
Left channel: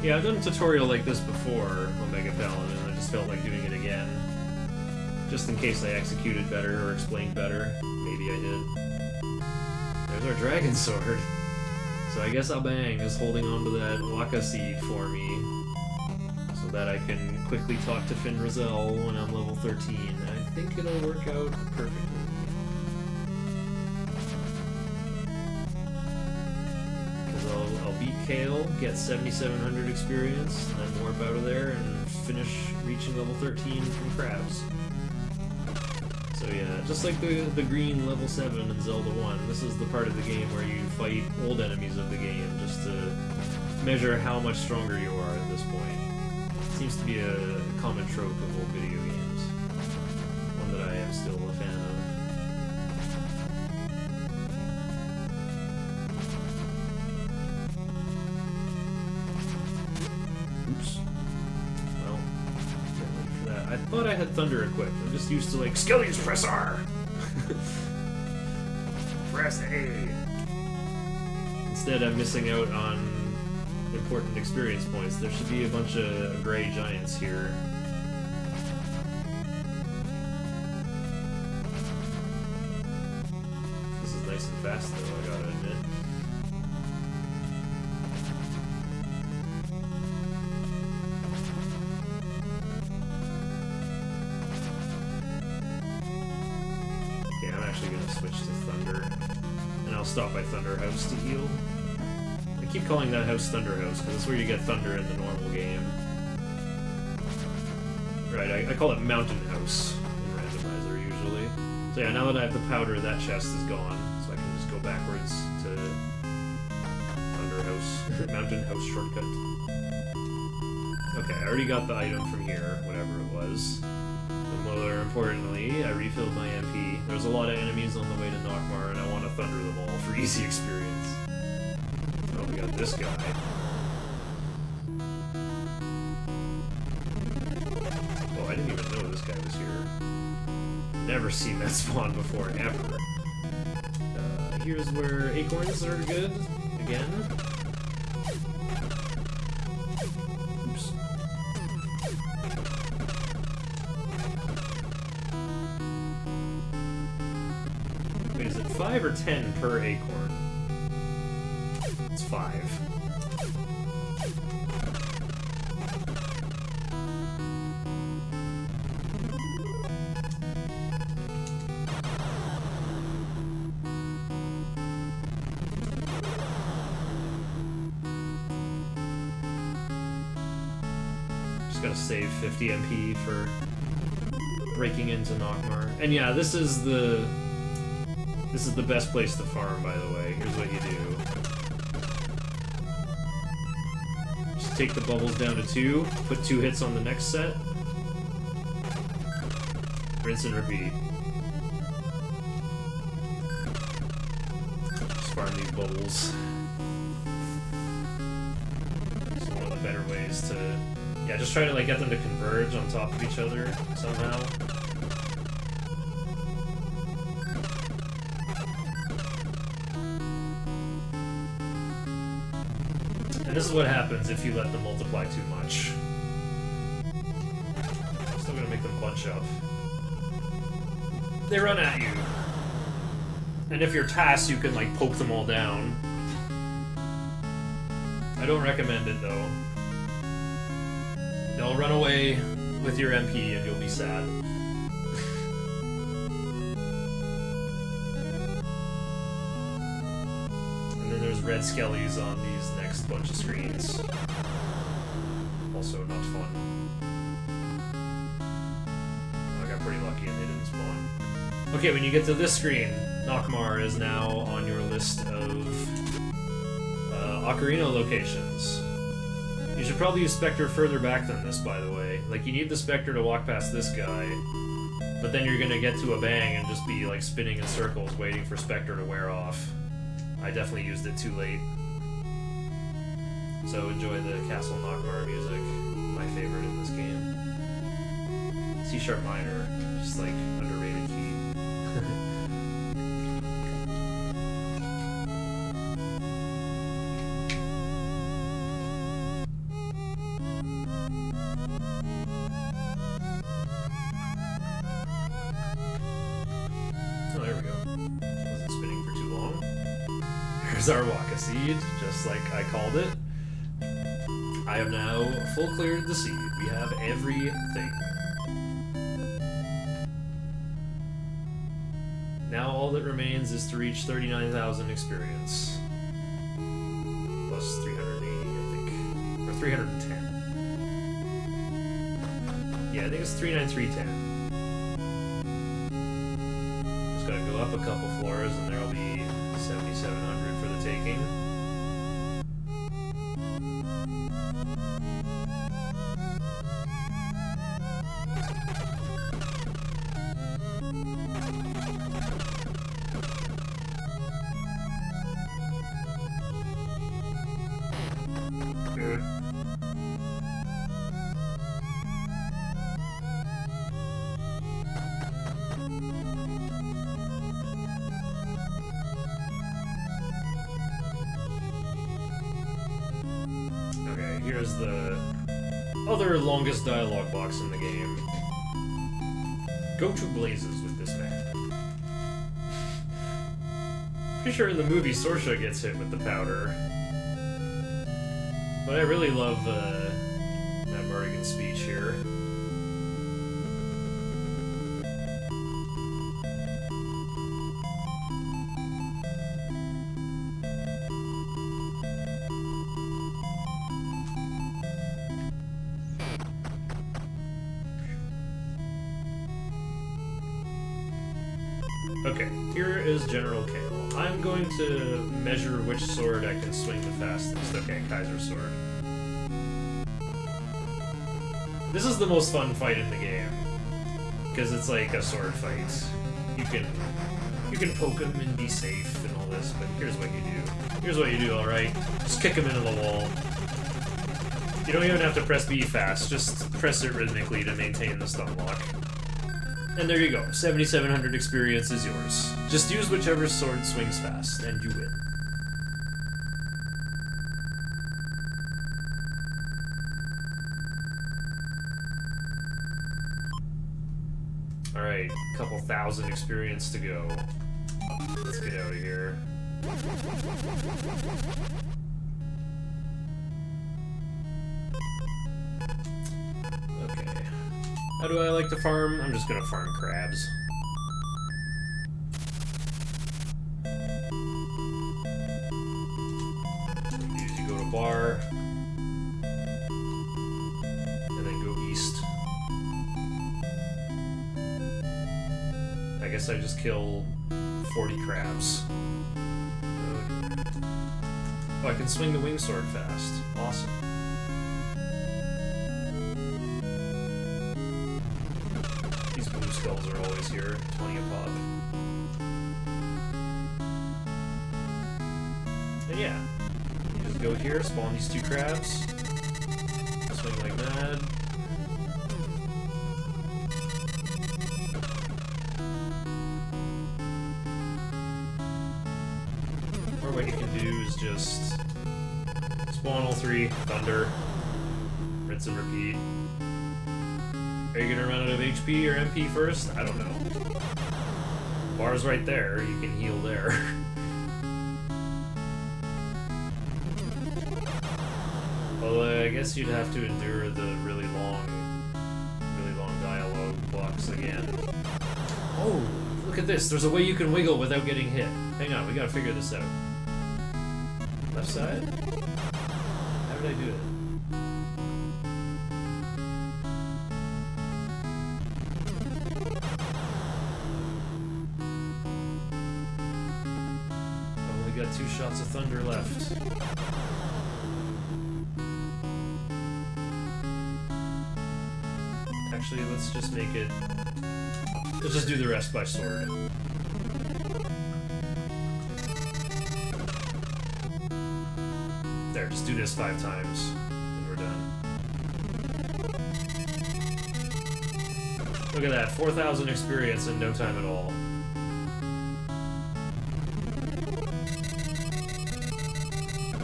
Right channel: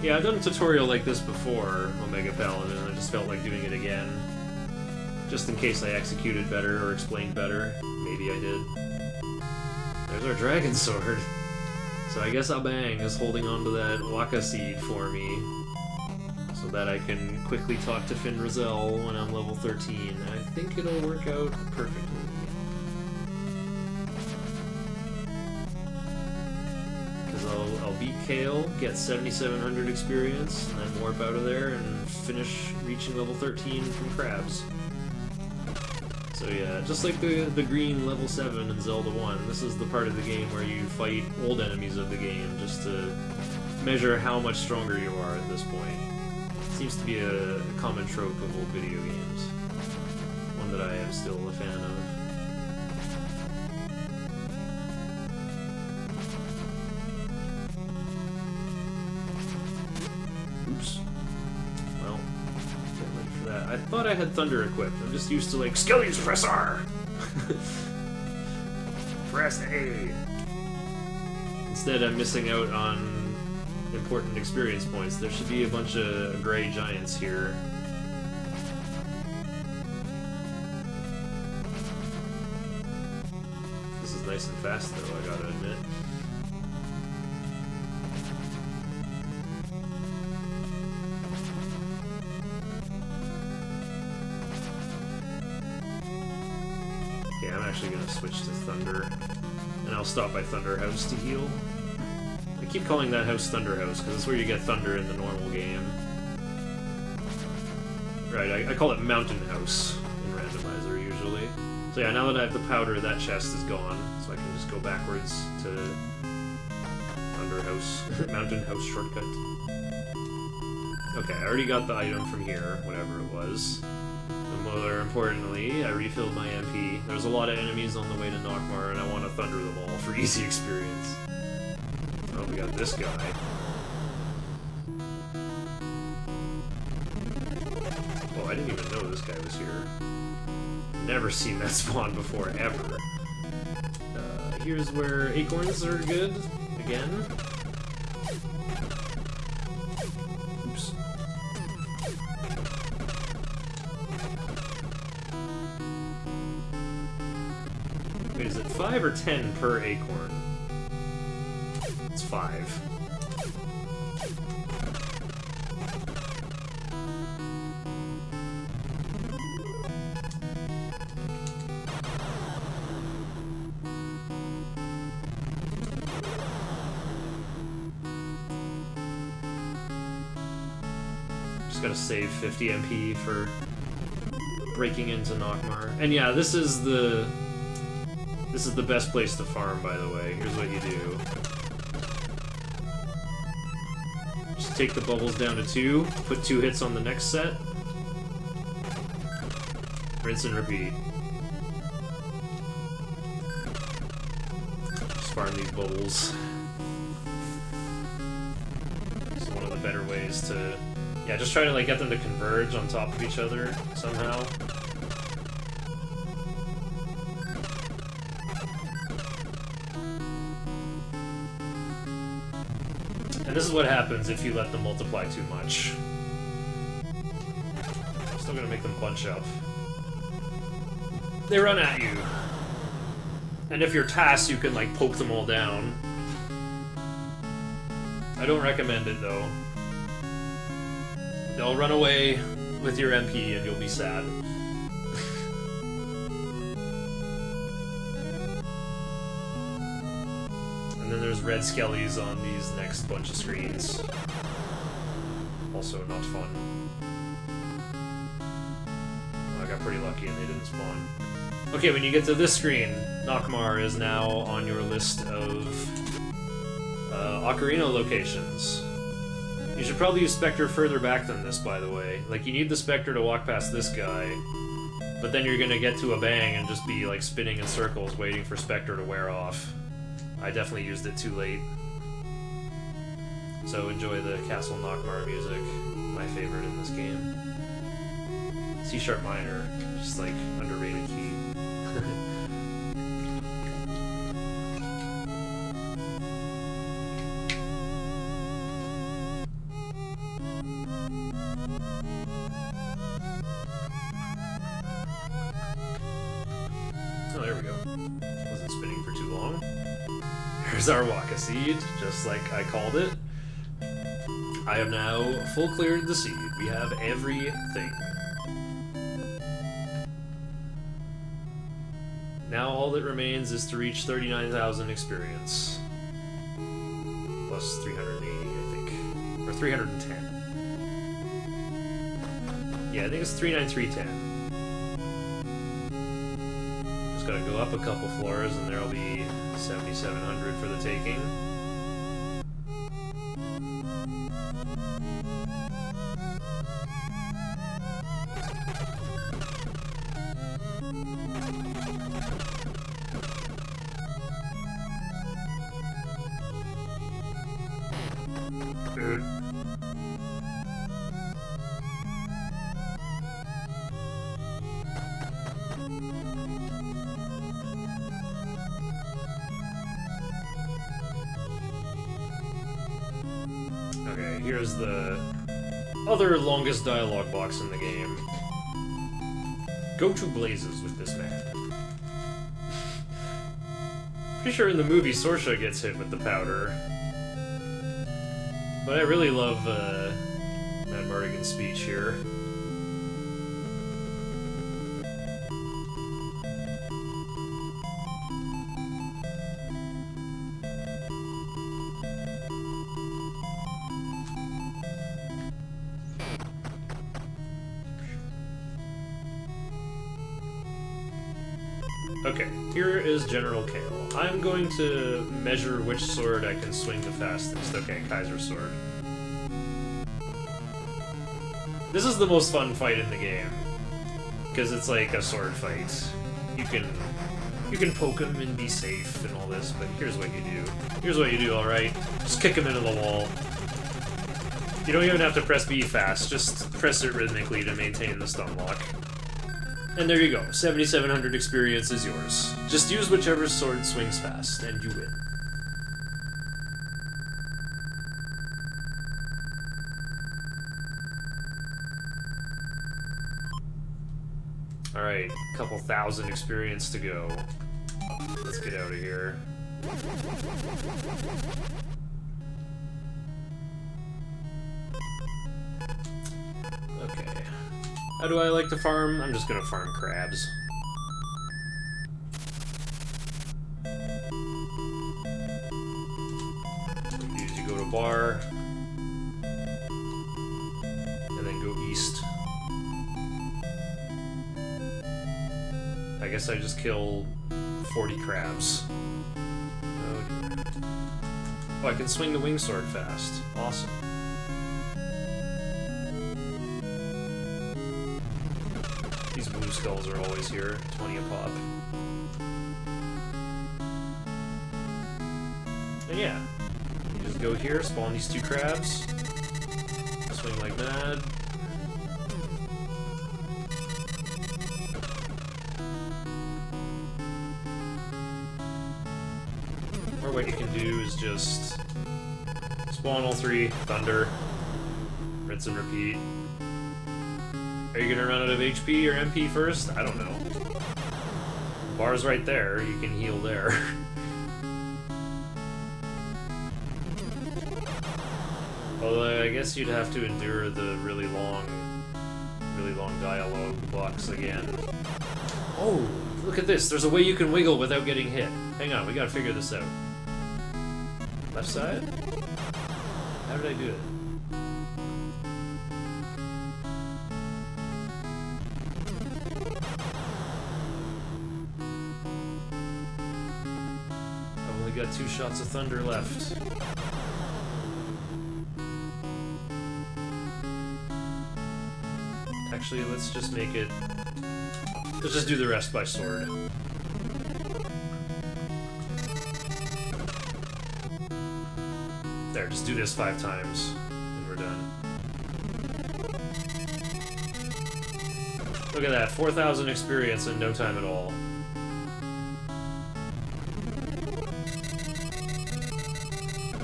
Yeah, I've done a tutorial like this before, Omega Paladin, I just felt like doing it again. Just in case I executed better or explained better. Maybe I did. There's our Dragon Sword. So I guess Abang is holding on to that Waka Seed for me, so that I can quickly talk to Finn Rizal when I'm level 13. I think it'll work out perfectly. I'll beat Kale, get 7,700 experience, and then warp out of there and finish reaching level 13 from Crabs. So yeah, just like the green level 7 in Zelda 1, this is the part of the game where you fight old enemies of the game just to measure how much stronger you are at this point. Seems to be a common trope of old video games. One that I am still a fan of. Oops. Well, can't wait for that. I thought I had Thunder equipped. I'm just used to like, Skillies, press R! Press A! Instead, I'm missing out on important experience points. There should be a bunch of gray giants here. This is nice and fast though, I gotta admit. Okay, I'm actually gonna switch to Thunder, and I'll stop by Thunder House to heal. I keep calling that house Thunder House because it's where you get Thunder in the normal game. Right, I call it Mountain House in randomizer usually. So yeah, now that I have the powder, that chest is gone, so I can just go backwards to Underhouse, Mountain House shortcut. Okay, I already got the item from here, whatever it was. And more importantly, I refilled my MP. There's a lot of enemies on the way to Nockmaar, and I want to thunder them all for easy experience. Oh, we got this guy. Oh, I didn't even know this guy was here. Never seen that spawn before, ever. Here's where acorns are good, again. Oops. Wait, is it 5 or 10 per acorn? It's 5. Just gotta save 50 MP for breaking into Nockmaar. And yeah, this is the best place to farm, by the way. Here's what you do. Just take the bubbles down to 2, put 2 hits on the next set. Rinse and repeat. Just farm these bubbles. It's one of the better ways to... Yeah, just try to like get them to converge on top of each other somehow. And this is what happens if you let them multiply too much. Still gonna make them bunch up. They run at you. And if you're tasked, you can like poke them all down. I don't recommend it though. They'll run away with your MP and you'll be sad. And then there's red skellies on these next bunch of screens. Also not fun. I got pretty lucky and they didn't spawn. Okay, when you get to this screen, Nockmaar is now on your list of Ocarina locations. You should probably use Spectre further back than this, by the way. Like, you need the Spectre to walk past this guy, but then you're gonna get to a bang and just be, like, spinning in circles waiting for Spectre to wear off. I definitely used it too late. So enjoy the Castle Nockmaar music, my favorite in this game. C# minor, just, like, underrated key. Oh, there we go. Wasn't spinning for too long. Here's our Waka Seed, just like I called it. I have now full cleared the seed. We have everything. Now all that remains is to reach 39,000 experience. Plus 380, I think. Or 310. Yeah, I think it's 39310. Gotta go up a couple floors and there'll be 7,700 for the taking. Okay, here's the other longest dialogue box in the game. Go to blazes with this man. Pretty sure in the movie Sorsha gets hit with the powder. But I really love Matt Mardigan's speech here. Okay, here is General Kale. I'm going to measure which sword I can swing the fastest. Okay, Kaiser sword. This is the most fun fight in the game, because it's like a sword fight. You can poke him and be safe and all this, but here's what you do. Here's what you do, alright? Just kick him into the wall. You don't even have to press B fast, just press it rhythmically to maintain the stun lock. And there you go, 7,700 experience is yours. Just use whichever sword swings fast, and you win. Alright, a couple thousand experience to go. Let's get out of here. Okay. How do I like to farm? I'm just gonna farm crabs. You go to bar, and then go east. I guess I just killed 40 crabs. Oh dear. Oh, I can swing the wing sword fast. Awesome. These blue skulls are always here. 20 a pop. And yeah, you just go here, spawn these 2 crabs, swing like mad. Or what you can do is just spawn all 3, thunder, rinse and repeat. Are you gonna run out of HP or MP first? I don't know. Bar's right there, you can heal there. Although I guess you'd have to endure the really long dialogue blocks again. Oh, look at this, there's a way you can wiggle without getting hit. Hang on, we gotta figure this out. Left side? How did I do it? I've only got 2 shots of thunder left. Actually, let's just make it... Let's just do the rest by sword. There, just do this 5 times, and we're done. Look at that, 4,000 experience in no time at all.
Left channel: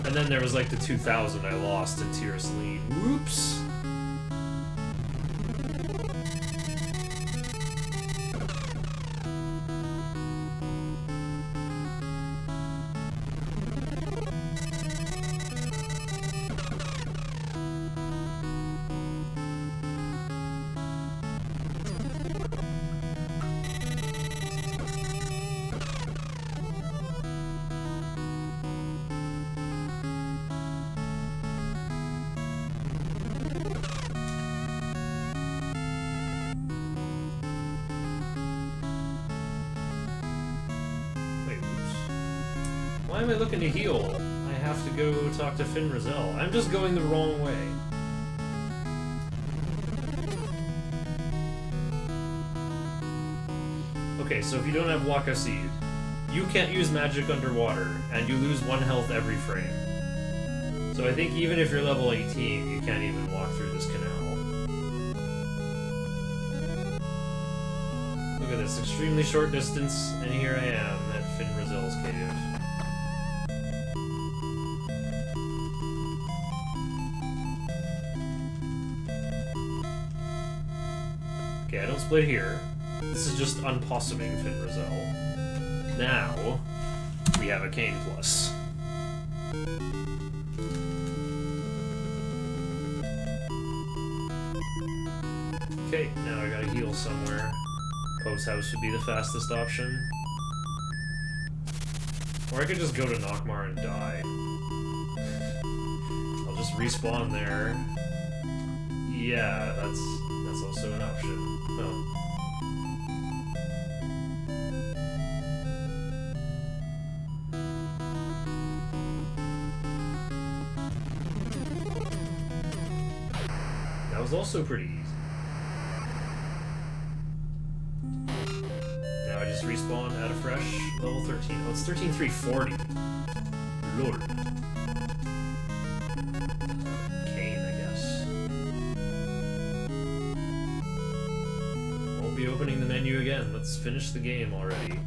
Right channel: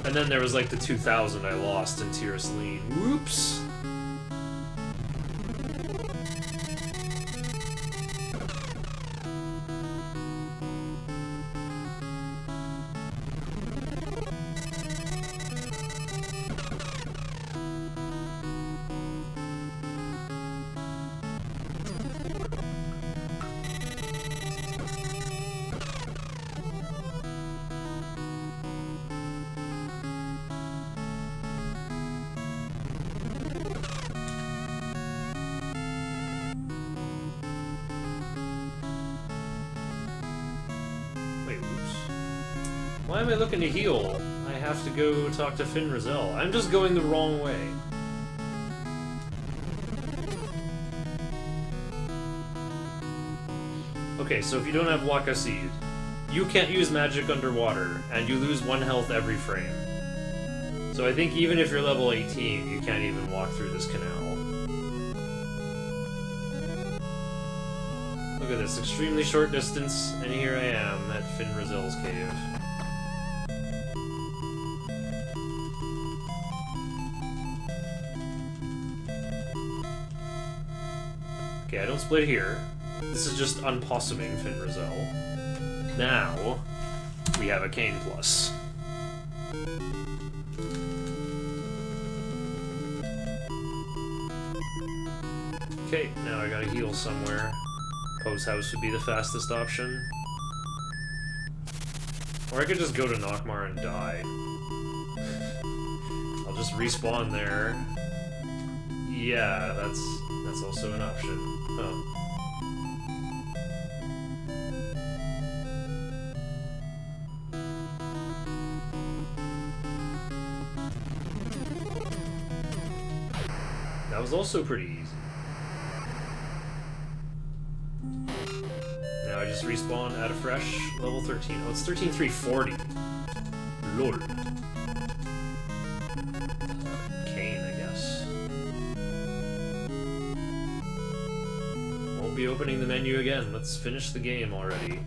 And then there was like the 2,000 I lost in Tears Lean. Whoops! Why am I looking to heal? I have to go talk to Finn Rizal. I'm just going the wrong way. Okay, so if you don't have Waka Seed, you can't use magic underwater, and you lose 1 health every frame. So I think even if you're level 18, you can't even walk through this canal. Look at this, extremely short distance, and here I am at Finn Rizal's cave. Okay, I don't split here. This is just unpossuming Finn Rizal. Now, we have a Cane Plus. Okay, now I gotta heal somewhere. Post House would be the fastest option. Or I could just go to Nockmar and die. I'll just respawn there. Yeah, that's also an option. Oh. That was also pretty easy. Now I just respawn at a fresh level 13. Oh, it's 13,340. Lord. Kane, I guess. Won't be opening the menu again. Let's finish the game already.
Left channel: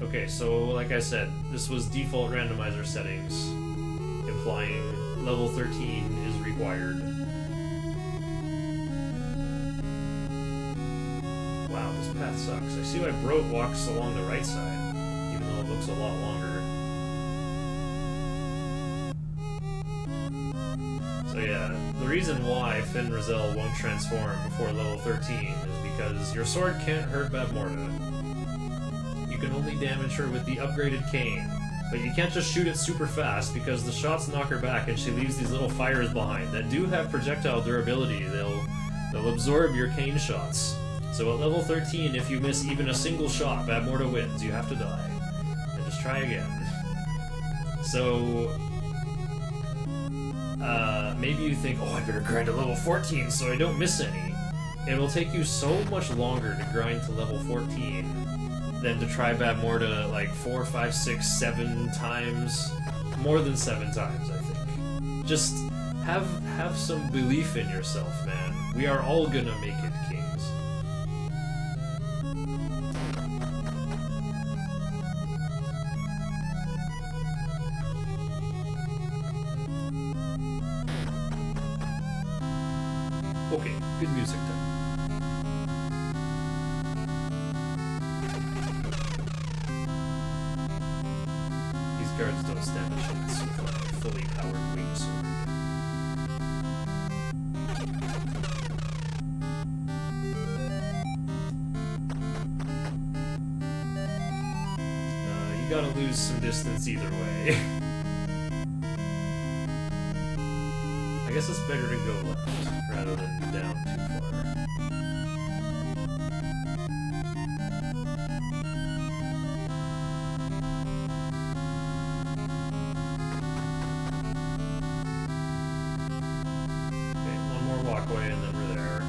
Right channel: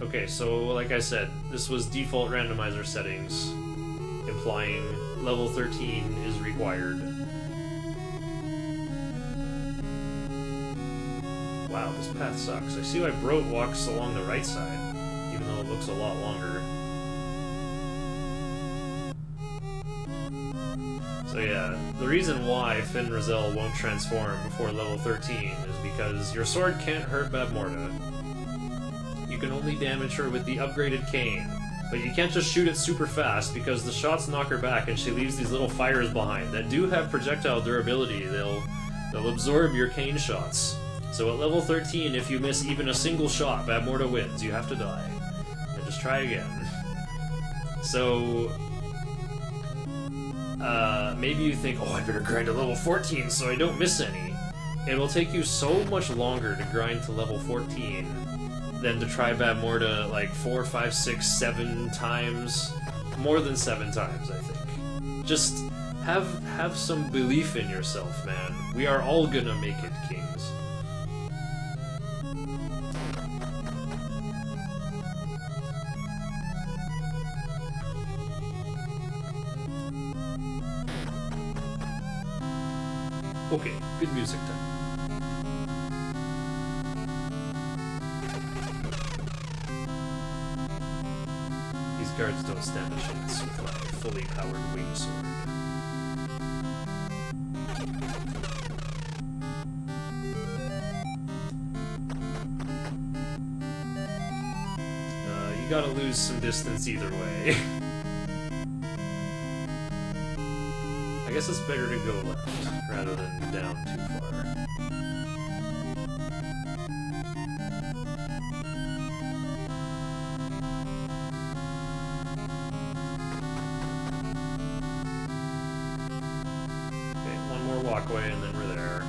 Okay, so like I said, this was default randomizer settings, implying level 13 is required. Wow, this path sucks. I see why Broat walks along the right side, even though it looks a lot longer. So yeah, the reason why Finn Rizal won't transform before level 13 is because your sword can't hurt Babmorda. You can only damage her with the upgraded cane, but you can't just shoot it super fast because the shots knock her back and she leaves these little fires behind that do have projectile durability. They'll absorb your cane shots. So at level 13, if you miss even a single shot, Babmorda wins. You have to die. And just try again. So maybe you think, oh, I better grind to level 14 so I don't miss any. It'll take you so much longer to grind to level 14 than to try Babmorda like 4, 5, 6, 7 times. More than 7 times, I think. Just have some belief in yourself, man. We are all gonna make it, kings. Okay, good music time. These guards don't stand a chance with my fully powered wing sword. You gotta lose some distance either way. I guess it's better to go left rather than down too far. Okay, one more walkway and then we're there.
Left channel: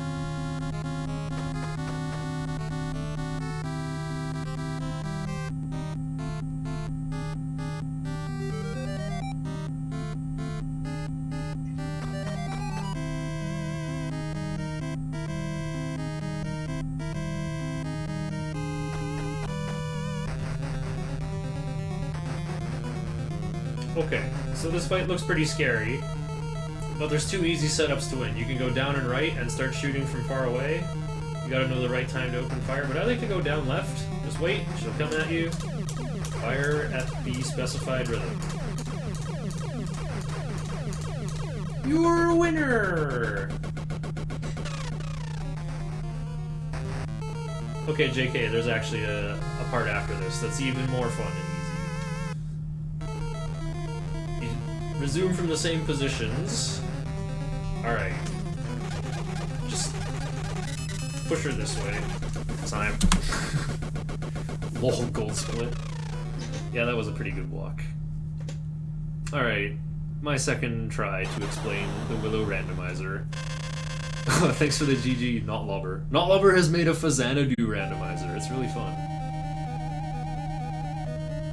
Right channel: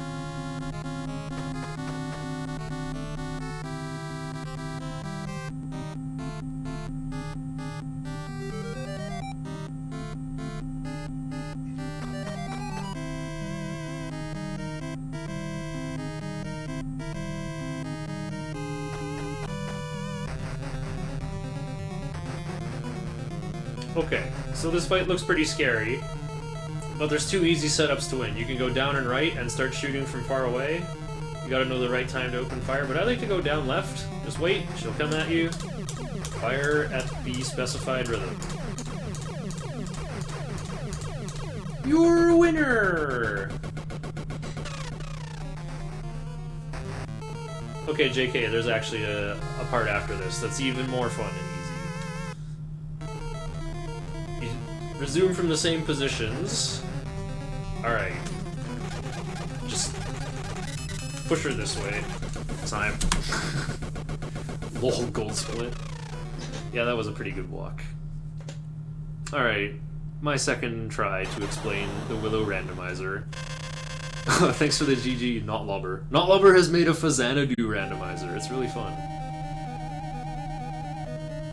Okay, so this fight looks pretty scary, but there's 2 easy setups to win. You can go down and right and start shooting from far away. You gotta know the right time to open fire, but I like to go down left. Just wait, she'll come at you. Fire at the specified rhythm. You're a winner! Okay, JK, there's actually a part after this that's even more fun and easy. Resume from the same positions. Alright. Just push her this way. Time. Lol, gold split. Yeah, that was a pretty good walk. Alright. My second try to explain the Willow randomizer. Thanks for the GG, Not Lubber. Not Lubber has made a Fazanadu randomizer. It's really fun.